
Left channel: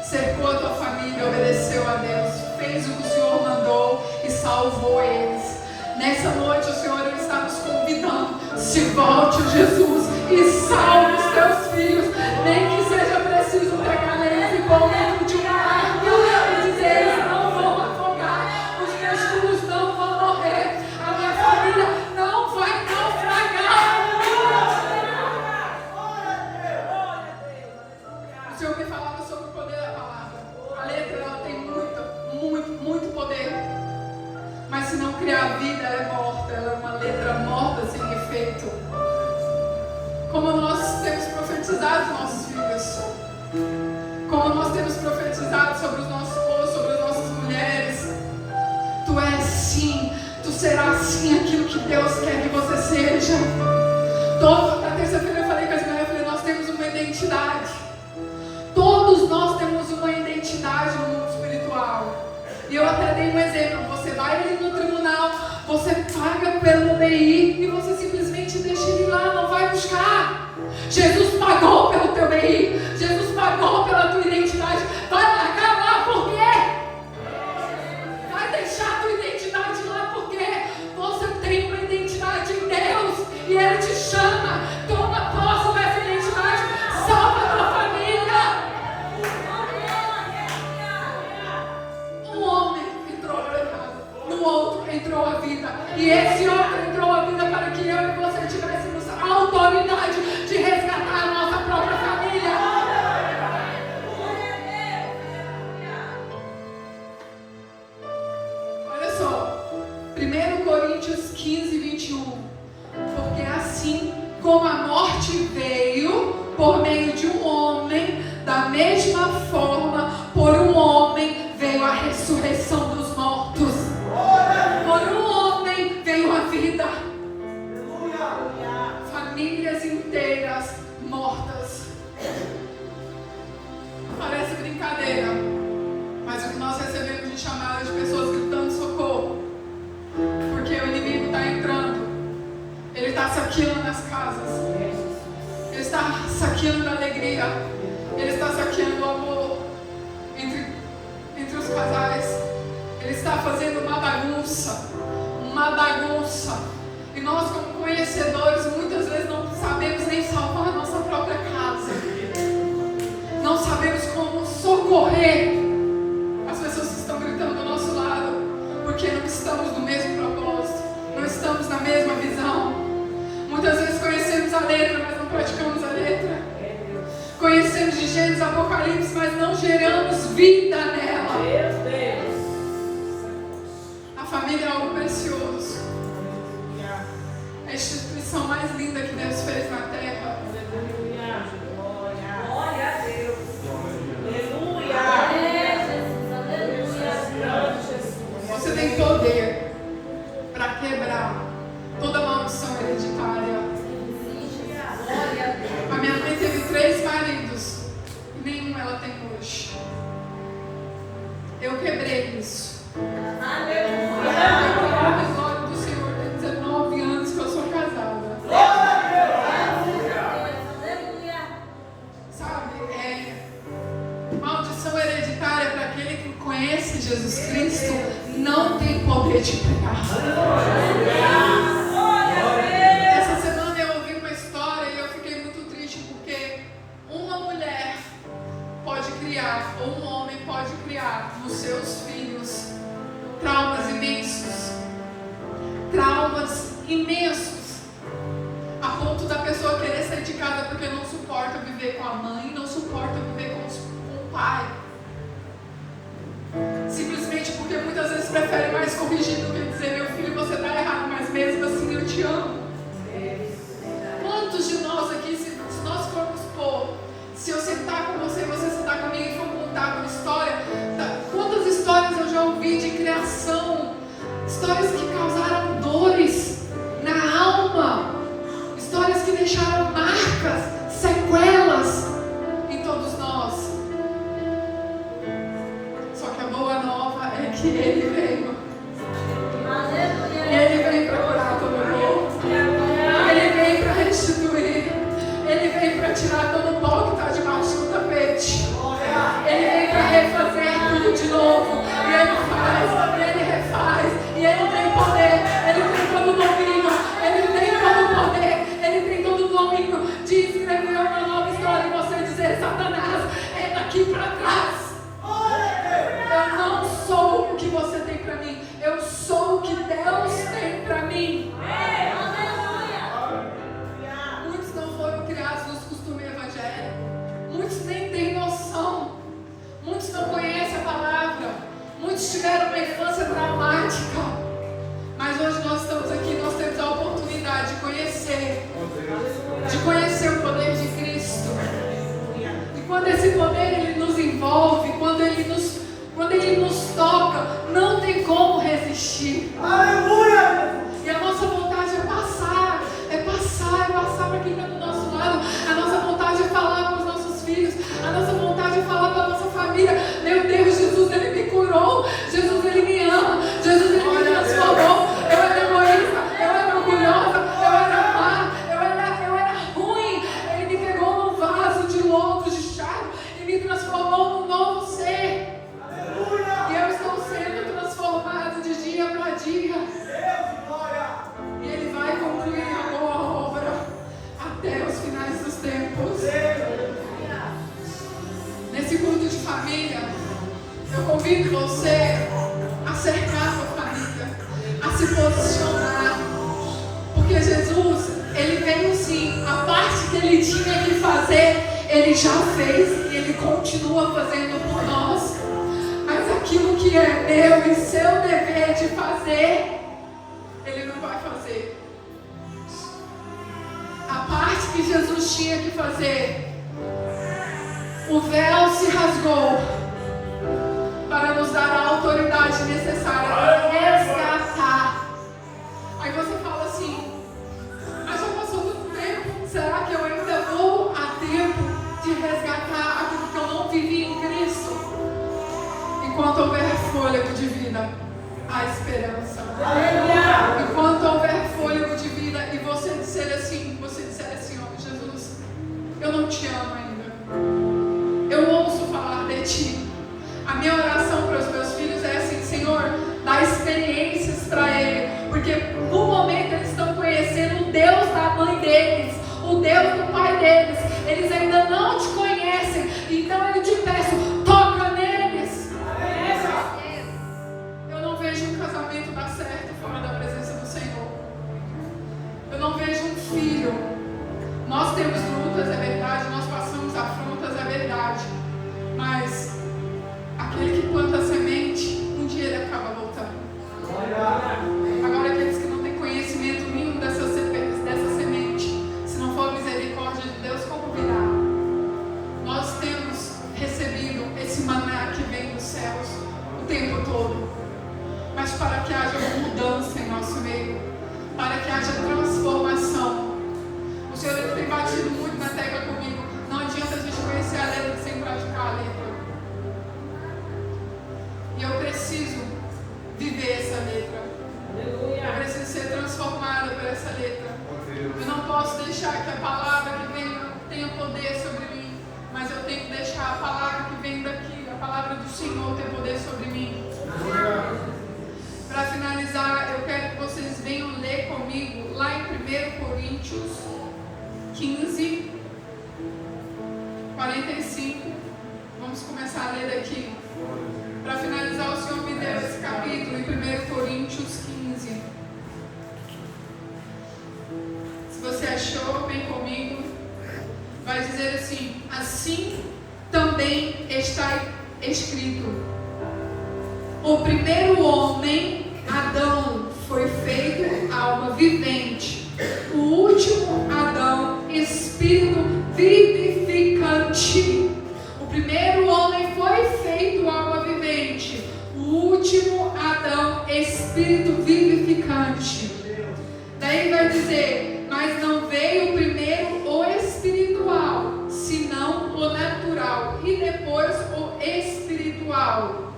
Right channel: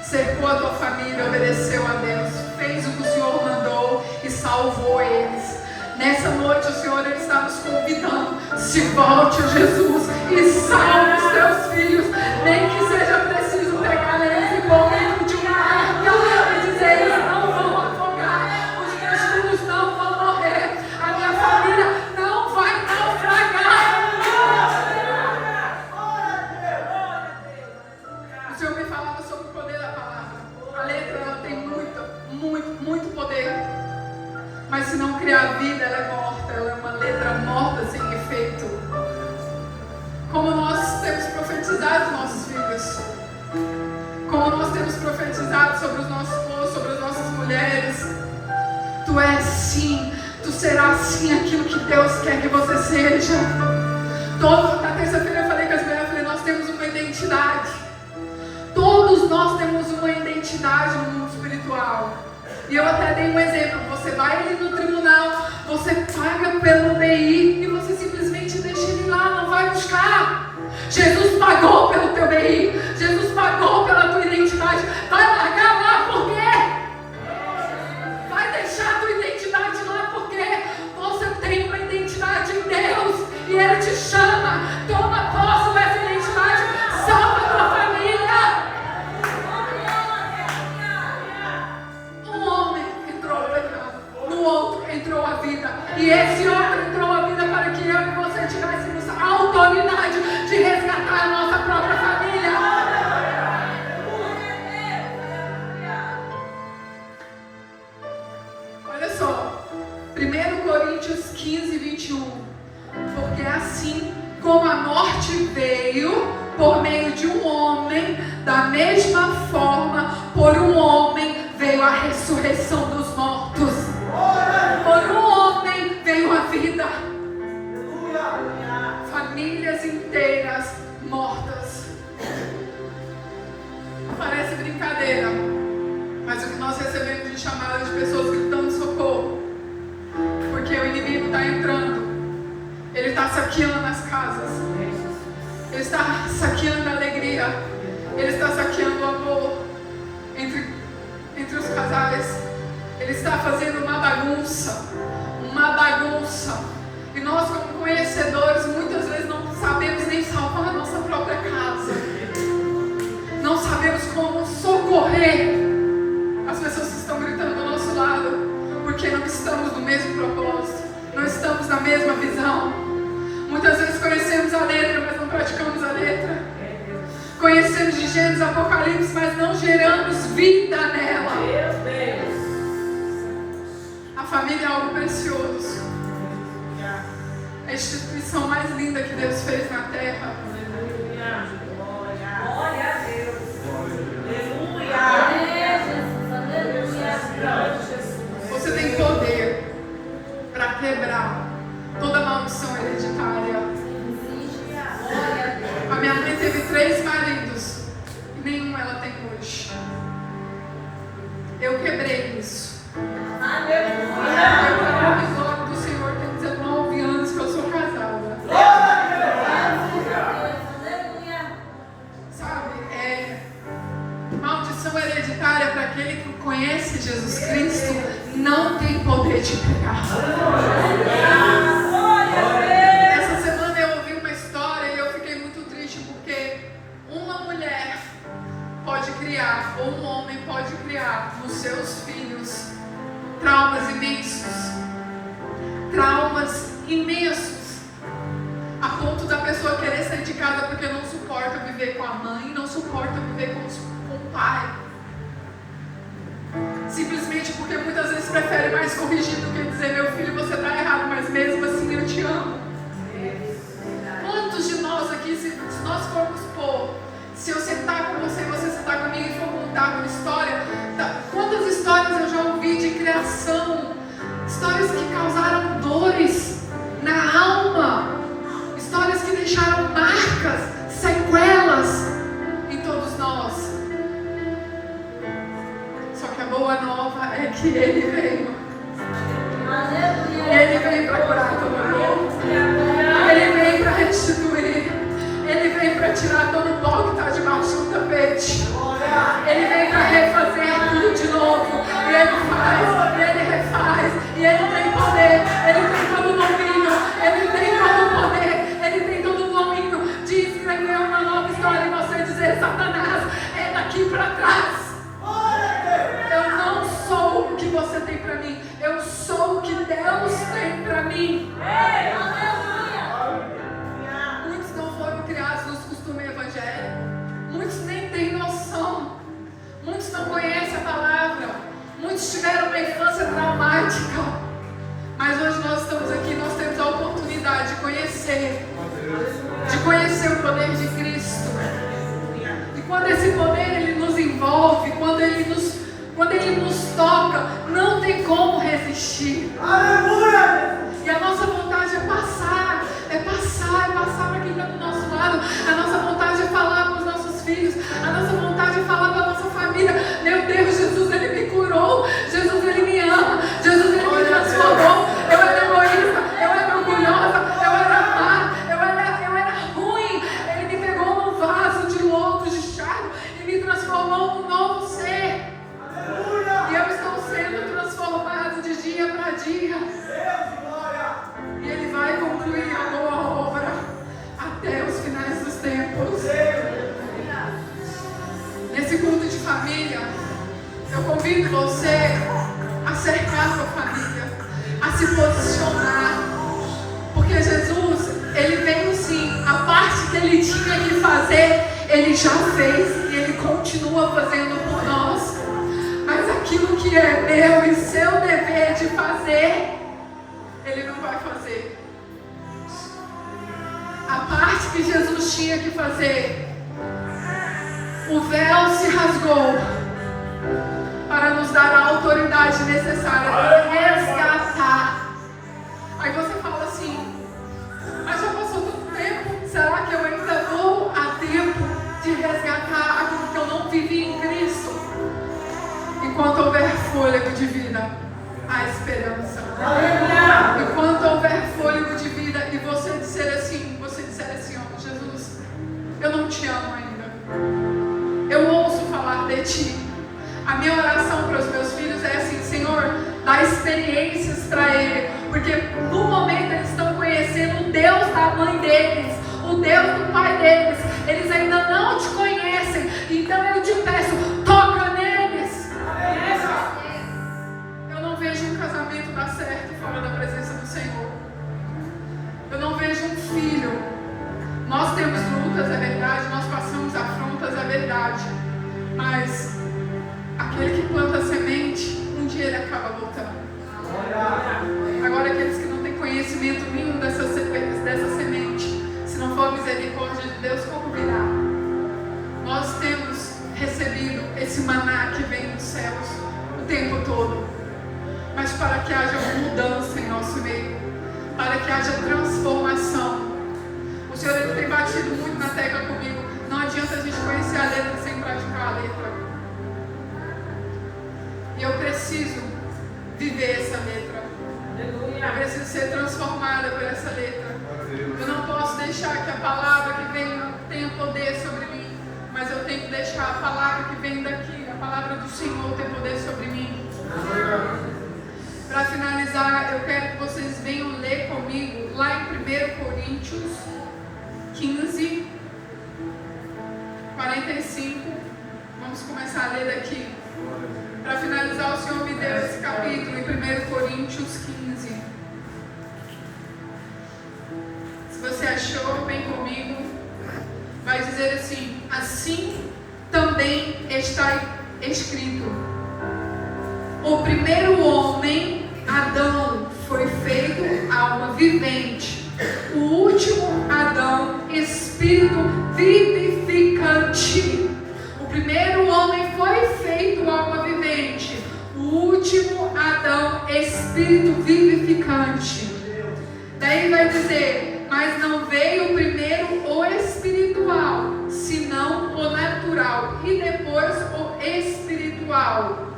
Cercou a tua família, obedeceu a Deus, fez o que o Senhor mandou e salvou eles. Nessa noite o Senhor ele está nos convidando: se volte a Jesus e salve os teus filhos, nem que seja preciso pegar eles e pôr dentro de uma arca e dizer: eles não vão afogar, os meus filhos não vão morrer, a minha família não vai naufragar. O Senhor me falava sobre o poder da palavra. A letra ela tem muito poder. Mas se não criar vida, ela é morta. Ela é uma letra morta sem efeito. Como nós temos profetizado os nossos filhos. Como nós temos profetizado sobre os nossos povos, sobre as nossas mulheres. Tu és sim, tu serás sim aquilo que Deus quer que você seja. Na terça-feira eu falei com as mulheres, nós temos uma identidade. Todos nós temos uma identidade no mundo espiritual. E eu até dei um exemplo. Você vai ali no tribunal, você paga pelo BI e você simplesmente deixa ele lá, não vai buscar. Jesus pagou pelo teu BI. Jesus pagou pela tua identidade. Vai largar lá por quê? Vai deixar a tua identidade lá porque você tem uma identidade em Deus. E Ele te chama. Toma posse dessa identidade. Salva a tua família. Um homem entrou ao pecado, no outro entrou a vida. E esse outro entrou a vida para 15, 21. Porque assim como a morte veio por meio de um homem, da mesma forma, por um homem veio a ressurreição dos mortos. Por um homem veio a vida. Famílias inteiras mortas. Parece brincadeira, mas o que nós recebemos de chamada de pessoas gritando socorro, porque o inimigo está entrando, ele está saqueando as casas, ele está saqueando a alegria, ele está saqueando o amor entre os casais, ele está fazendo uma bagunça, e nós, como conhecedores, muitas vezes não sabemos nem salvar a nossa própria casa, não sabemos como socorrer as pessoas que estão gritando ao nosso lado, porque não estamos no mesmo propósito, não estamos na mesma visão. Muitas vezes conhecemos a letra, mas não praticamos a letra. Conhecemos de Gênesis, Apocalipse, mas não geramos vida nela. A família é algo precioso. A instituição mais linda que Deus fez na terra. Glória a Deus. Você tem poder para quebrar toda maldição hereditária. A minha mãe teve 3 maridos e nenhum ela tem hoje. Eu quebrei isso. O episódio do Senhor tem 19 anos que eu sou casada. Sabe, maldição hereditária para aquele que conhece Jesus Cristo não tem poder de pegar. Essa semana eu ouvi uma história e eu fiquei muito triste porque uma mulher pode criar, ou um homem pode criar nos seus filhos traumas imensos, a ponto da pessoa querer sair de casa porque não suporta viver com a mãe, não suporta viver com o pai. Simplesmente porque muitas vezes prefere mais corrigir do que dizer: meu filho, você está errado, mas mesmo assim eu te amo. Quantos de nós aqui, se nós formos pôr, se eu sentar com você, você sentar comigo e for contar uma história, quantas histórias eu já ouvi de criação, histórias que causaram dores na alma, histórias que deixaram marcas, sequelas em todos nós. Só que a boa nova é que Ele veio. Ele veio para curar todo mundo. Ele veio para restituir. Ele veio para tirar todo o pó que está debaixo do tapete. Ele veio para refazer tudo de novo. E Ele faz, e Ele refaz. E Ele tem poder. Ele tem todo o domínio. Ele tem todo o poder. Ele tem todo o domínio de escrever uma nova história e você dizer: Satanás, é daqui para trás. Eu não sou o que você tem para mim. Eu sou o que Deus tem para mim. Muitos não foram criados nos costumes evangélicos. Muitos nem têm noção. Muitos não conhecem a palavra. Muitos tiveram uma infância traumática. Mas hoje nós estamos aqui, nós temos a oportunidade de conhecer o poder de Cristo. E quando esse poder ele nos envolve, quando ele nos toca, não tem como resistir. Aleluia! E a nossa vontade é passar para quem está do nosso lado. A nossa vontade é falar com os nossos filhos. A nossa vontade é falar para a nossa família: meu Deus, Jesus, Ele me curou. Jesus, Ele me ama. Jesus, Ele me transformou. Eu era egoísta, eu era orgulhosa, eu era má, eu era ruim. Ele me pegou num vaso de lodo, de charco, e me transformou num novo ser. E eu estou sendo transformado de dia para dia. E Ele vai concluir a boa obra até os finais dos tempos. Nesse culto de família, eu convido você a cercar sua família, a se posicionar. Porque Jesus, Ele veio sim. A parte que Ele tinha que fazer, Ele já fez e Ele continua fazendo por nós. Mas aquilo que é meu e seu dever de fazer, Ele não vai fazer. A parte que Jesus tinha que fazer, o véu se rasgou para nos dar a autoridade necessária para resgatar. Aí você fala assim, mas já passou tanto tempo, será que eu ainda vou a tempo de resgatar aquilo que eu não vivi em Cristo? Enquanto houver fôlego de vida, há esperança. Enquanto houver fôlego de vida e você disser assim, ó, Jesus, eu não te amo ainda. Eu ouço falar de ti. A minha oração para os meus filhos é assim, Senhor, dá experiências para ele, porque no momento eles estão conhecendo o Deus da mãe deles, o Deus do pai deles. Eles ainda não te conhecem, então eu te peço, toca neles. Eu não vejo um casamento dar certo fora da presença do Senhor. Eu não vejo um filho. Nós temos lutas, é verdade, nós passamos afrontas, é verdade, mas aquele que planta a semente, um dia ele acaba voltando. Agora aqueles que não têm conhecimento nenhum dessa semente, se não for misericórdia de Deus, como virá? Nós temos recebido esse maná que vem dos céus o tempo todo, mas para que haja mudança em nosso meio, para que haja transformação. O Senhor ele tem batido muito na tecla comigo. Não adianta a gente conhecer a letra sem praticar a letra. E eu preciso viver essa letra. Eu preciso ser transformada por essa letra. Eu não posso deixar que a palavra que vem tenha poder sobre mim, mas eu tenho que deixar a palavra que vem daqui, a palavra do Senhor, ter poder sobre mim. Para finalizar, eu quero que vocês venham ler comigo lá em 1 Coríntios 15, 45. Vamos começar a ler daqui. Para finalizar, o Senhor me deu esse capítulo em 1 Coríntios 15. Se você achou, vem comigo. Vai dizer assim: assim também está escrito: o primeiro homem, Adão, foi feito alma vivente. O último Adão, espírito vivificante. O primeiro homem foi feito alma vivente. O último Adão, espírito vivificante. Daí vai dizer: mas não veio primeiro o espiritual, senão o natural, e depois o espiritual.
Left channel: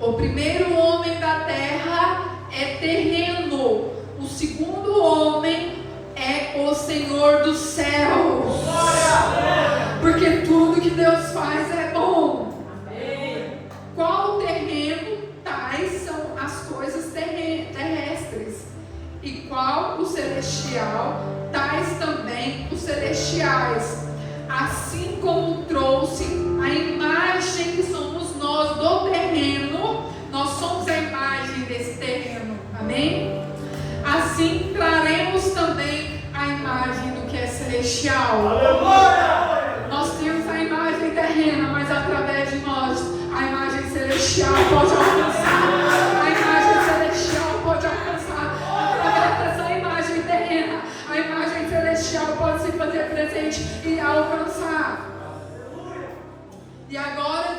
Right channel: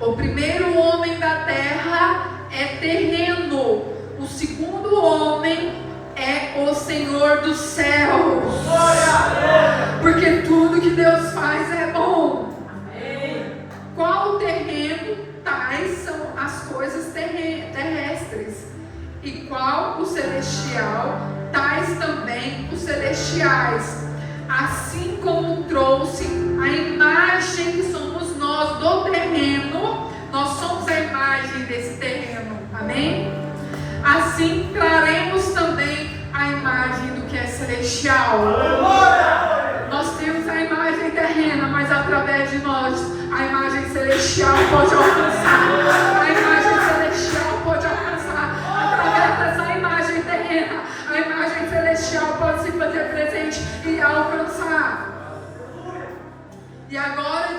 O primeiro homem da terra é terreno. O segundo homem é o Senhor dos céus. Porque tudo que Deus faz é bom. Qual terreno? Tais são as coisas terrestres. E qual o celestial? Tais também os celestiais. Assim como trouxe a imagem que somos nós do terreno, nós somos a imagem desse terreno. Amém? Assim traremos também a imagem do que é celestial. Nós temos a imagem terrena, mas através de nós a imagem celestial pode alcançar. A imagem celestial pode alcançar. Através dessa imagem terrena, a imagem celestial pode se fazer presente e alcançar. E agora,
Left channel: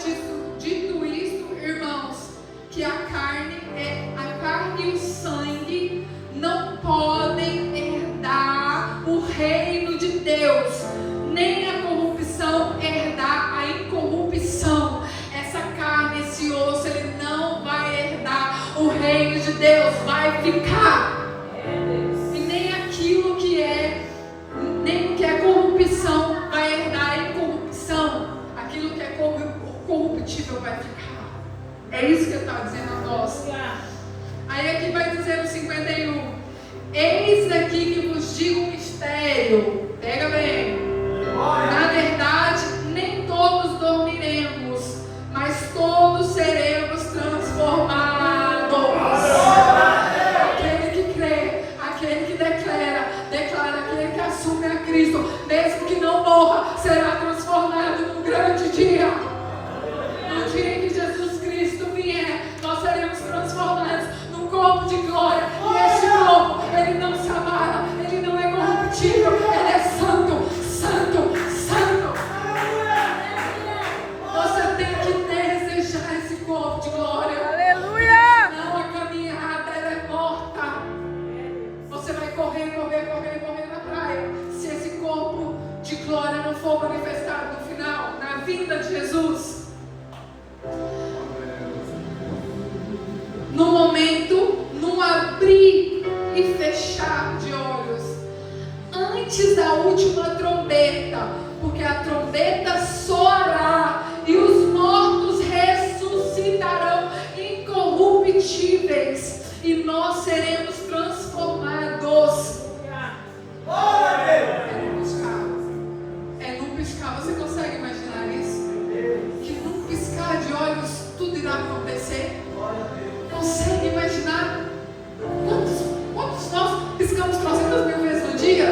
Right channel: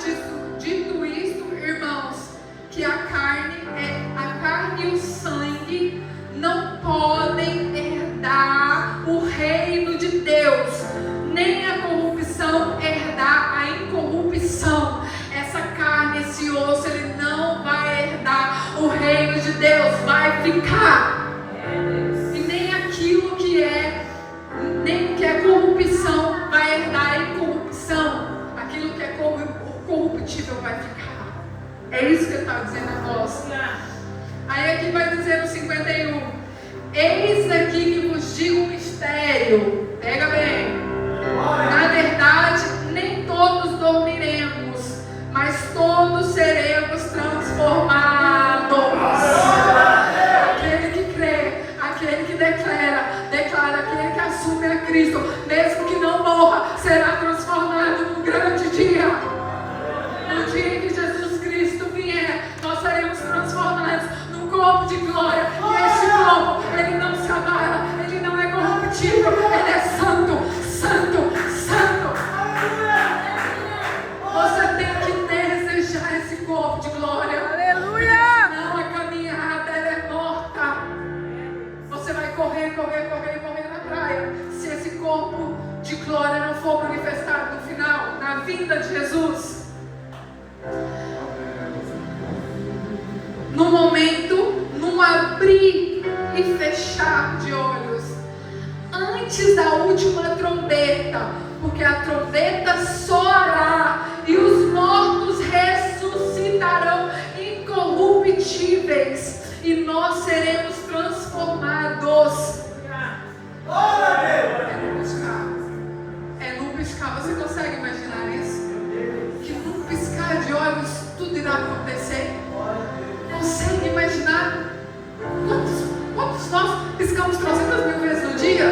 dito isto, irmãos, que a carne e o sangue não podem herdar o reino de Deus, nem a corrupção herdar a incorrupção. Essa carne, esse osso, ele não vai herdar o reino de Deus, vai ficar. E nem aquilo que é corrupção vai herdar a incorrupção. Aquilo que é corruptível vai ficar. É isso que ele está dizendo a nós. Aí aqui vai dizer no 51: eis aqui que vos digo um mistério. Pega bem. Na verdade, nem todos dormiremos, mas todos seremos transformados. Aquele que crê, aquele que declara, aquele que assume a Cristo, mesmo que não morra, será transformado num grande dia. No dia em que Jesus Cristo vier, nós seremos transformados num corpo de glória. ele não se abala, ele não é corruptível, ele é santo, santo, santo. Você tem que desejar esse corpo de glória. Aleluia! Senão a caminhada ela é morta. Você vai correr na praia. Se esse corpo de glória não for manifestado no final, na vinda de Jesus, no momento, num abrir e fechar de olhos, antes da última trombeta, porque a trombeta soará e os mortos ressuscitarão incorruptíveis e nós seremos transformados. É num piscar. Você consegue imaginar isso? Que num piscar de olhos tudo irá acontecer? Consegue imaginar quantos nós piscamos 300.000 vezes no dia?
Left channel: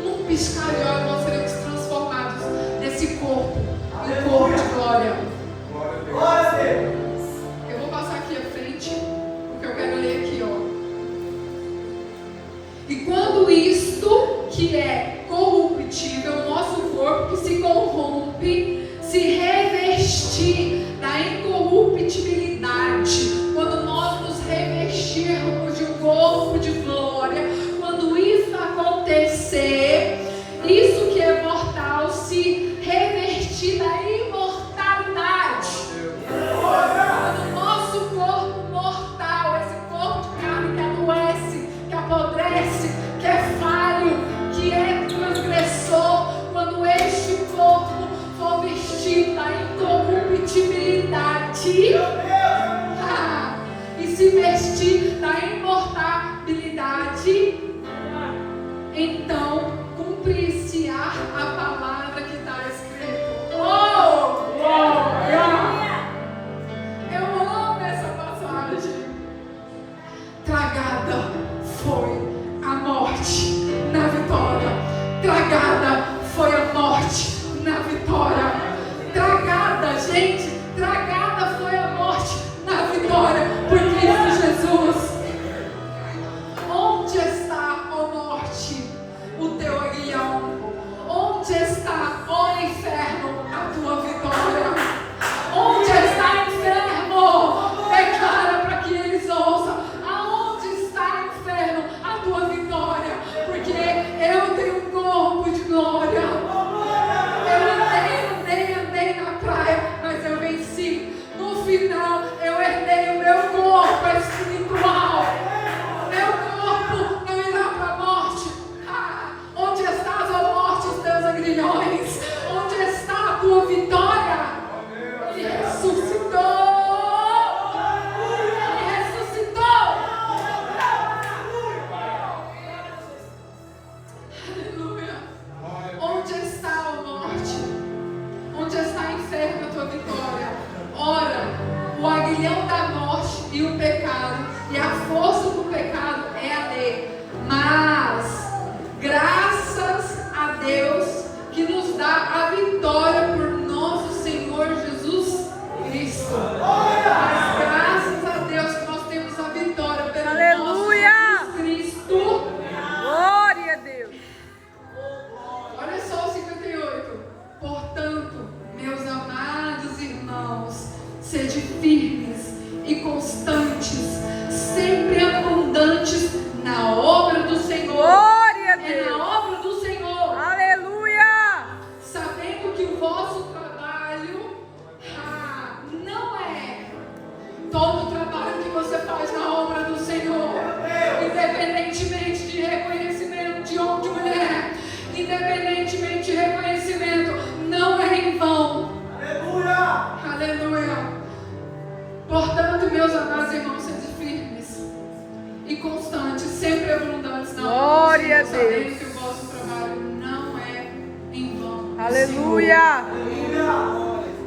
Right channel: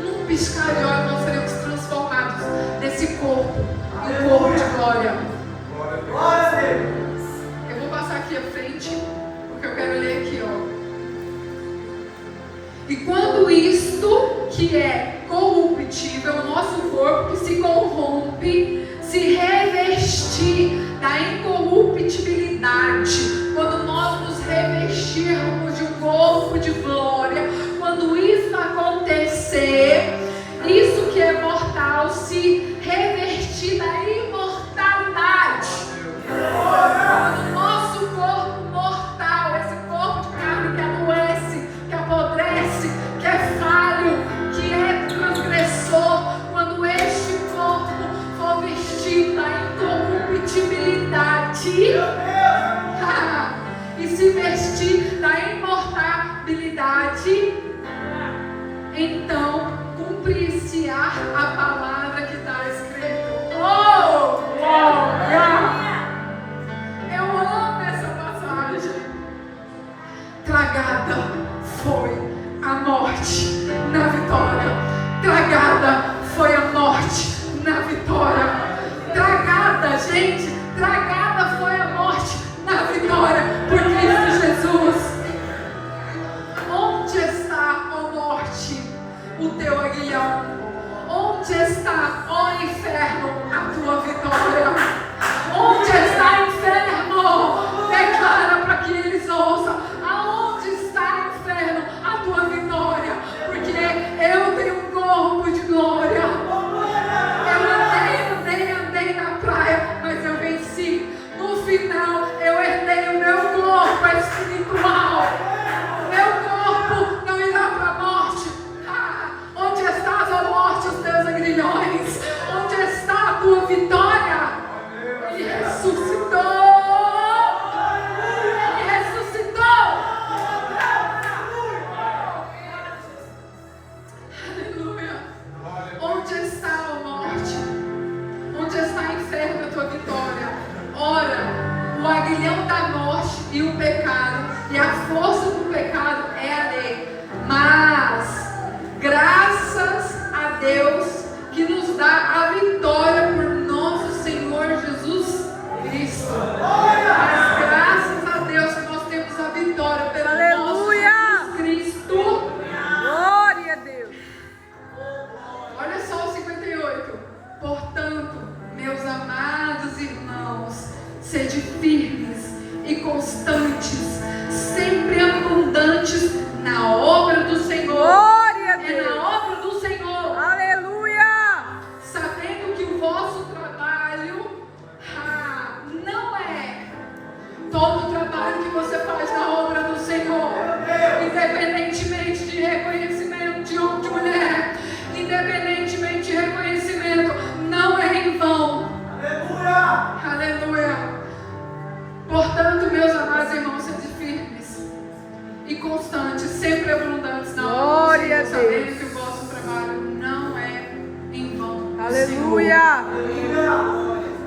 Num piscar de olhos nós seremos transformados nesse corpo, em um corpo de glória. Eu vou passar aqui à frente, porque eu quero ler aqui, ó. E quando isto que é corruptível, o nosso corpo que se corrompe, se revestir da incorruptibilidade, quando nós nos revestirmos de um corpo de glória, quando isso acontecer, isso que é mortal se revestir da imortalidade. Quando o nosso corpo mortal, esse corpo de carne que adoece, que apodrece, que é falho, que é transgressor, quando este corpo for vestido da incorruptibilidade e se vestir da imortalidade, então cumprir-se-á a palavra que está escrito. Oh, glória! Eu amo essa passagem. Tragada foi a morte na vitória. Tragada foi a morte na vitória. Tragada, gente, tragada foi a morte na vitória por Cristo Jesus. Onde está, ó morte, o teu aguilhão? Onde está, ó inferno, a tua vitória? Onde está, inferno? Declara para que eles ouçam. Aonde está, inferno, a tua vitória? Porque eu tenho um corpo de glória. Eu andei na praia, mas eu venci. No final, eu herdei o meu corpo espiritual. Meu corpo não irá para a morte. Onde estás, ó morte, os teus agrilhões? Onde está a tua vitória? Ele ressuscitou. Ele ressuscitou. Aleluia. Onde está, ó morte? Onde está, inferno, a tua vitória? Ora, o aguilhão da morte e o pecado, e a força do pecado é a lei. Mas, graças a Deus que nos dá a vitória por nosso Senhor Jesus Cristo. Mas graças a Deus que nós temos a vitória pelo Aleluia! nosso Jesus Cristo. Glória a Deus! Olha só o 58. Portanto, meus amados irmãos, sede firmes e constantes, sempre abundantes na obra do Senhor. Glória a É Deus! na obra do Senhor. Aleluia! Sabendo que o vosso trabalho não é todo o trabalho que você faz na obra do Senhor, independentemente de reconhecimento de homem, de mulher, independentemente de reconhecimento, não é em vão. Aleluia! Portanto, meus amados irmãos, sede firmes e constantes, sempre abundantes na obra do Glória a Senhor, sabendo Deus. que o vosso trabalho não é em vão. Aleluia!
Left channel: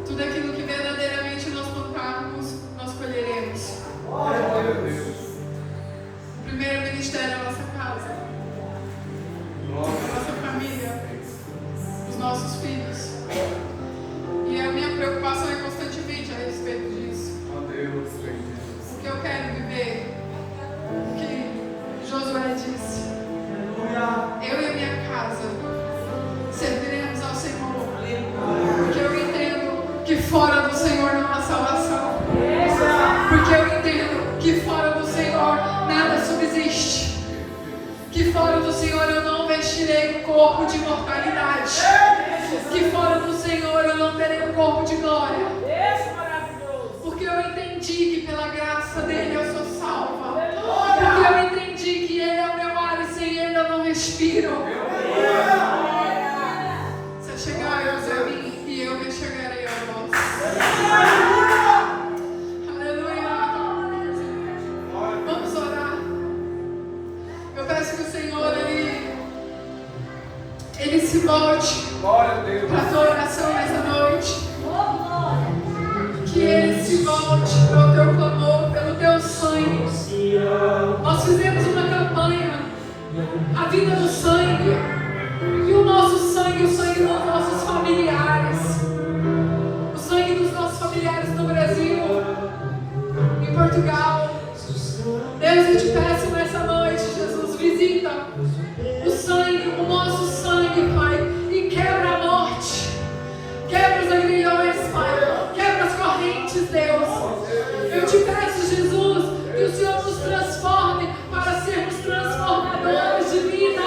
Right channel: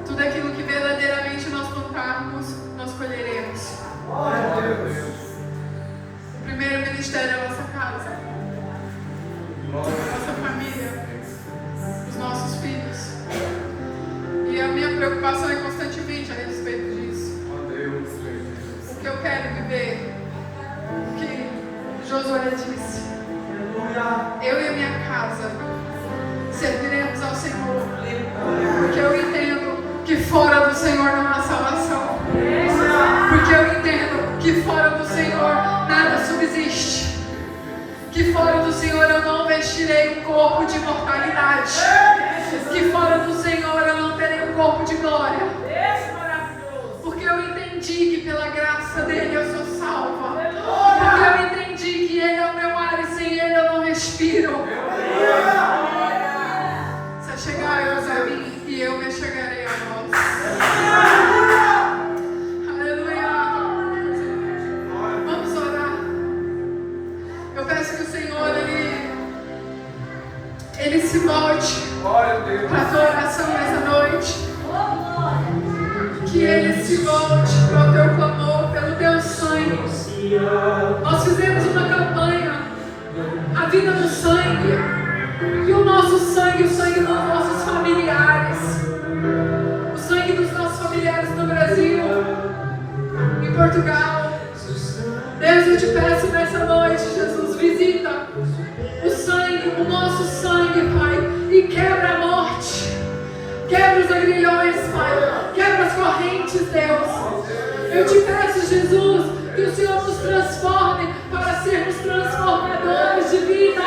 Tudo aquilo que verdadeiramente nós plantarmos, nós colheremos. O primeiro ministério é a nossa casa, a nossa família, os nossos filhos. E a minha preocupação é constantemente a respeito disso. O que eu quero viver, o que Josué disse. que fora do Senhor eu não vestirei um corpo de mortalidade. Que fora do Senhor eu não terei um corpo de glória. Porque eu entendi que pela graça dele eu sou salva. Porque eu entendi que ele é o meu ar e sem ele eu não respiro. Se chegai-vos a mim e eu me chegarei a vós. Aleluia. Vamos orar. Eu peço que o Senhor ele se volte para a tua oração nessa noite. Que ele se volte para o teu clamor, pelo teu sangue. Nós fizemos uma campanha, a vida no sangue, e o nosso sangue, o sangue dos nossos familiares, o sangue dos nossos familiares no Brasil, em Portugal. Deus, eu te peço nessa noite, Jesus, visita o sangue, o nosso sangue, Pai, e quebra a morte, quebra os agrilhões, Pai, quebra as correntes, Deus. Eu te peço, Jesus, que o Senhor nos transforme para sermos transformadores de vida.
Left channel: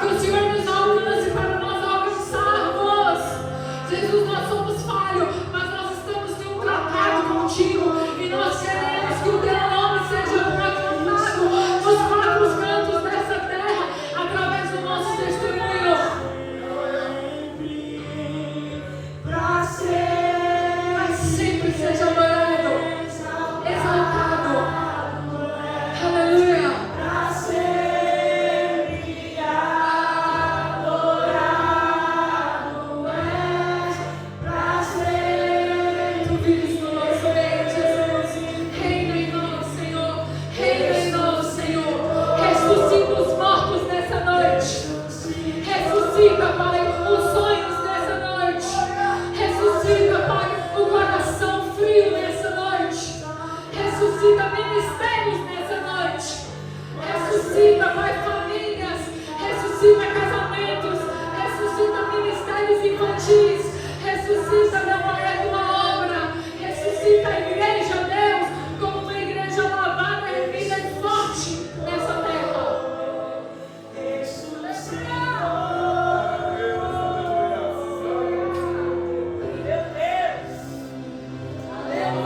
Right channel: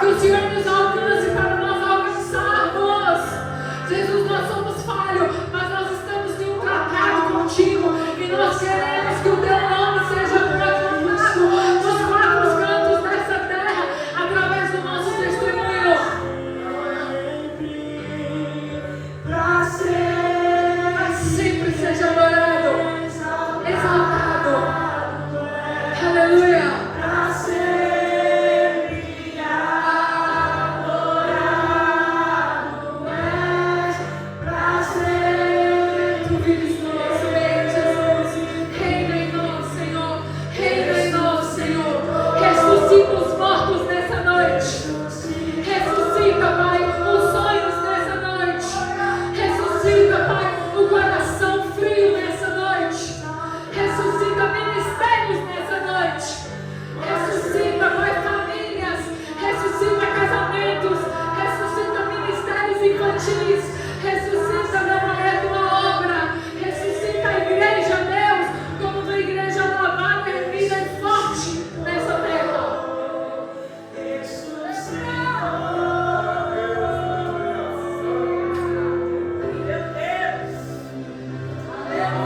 Que o Senhor nos alcance para nós alcançarmos. Jesus, nós somos falhos, mas nós estamos em um tratado contigo e nós queremos que o teu nome seja proclamado nos quatro cantos dessa terra através do nosso testemunho. Para sempre seja adorado, exaltado.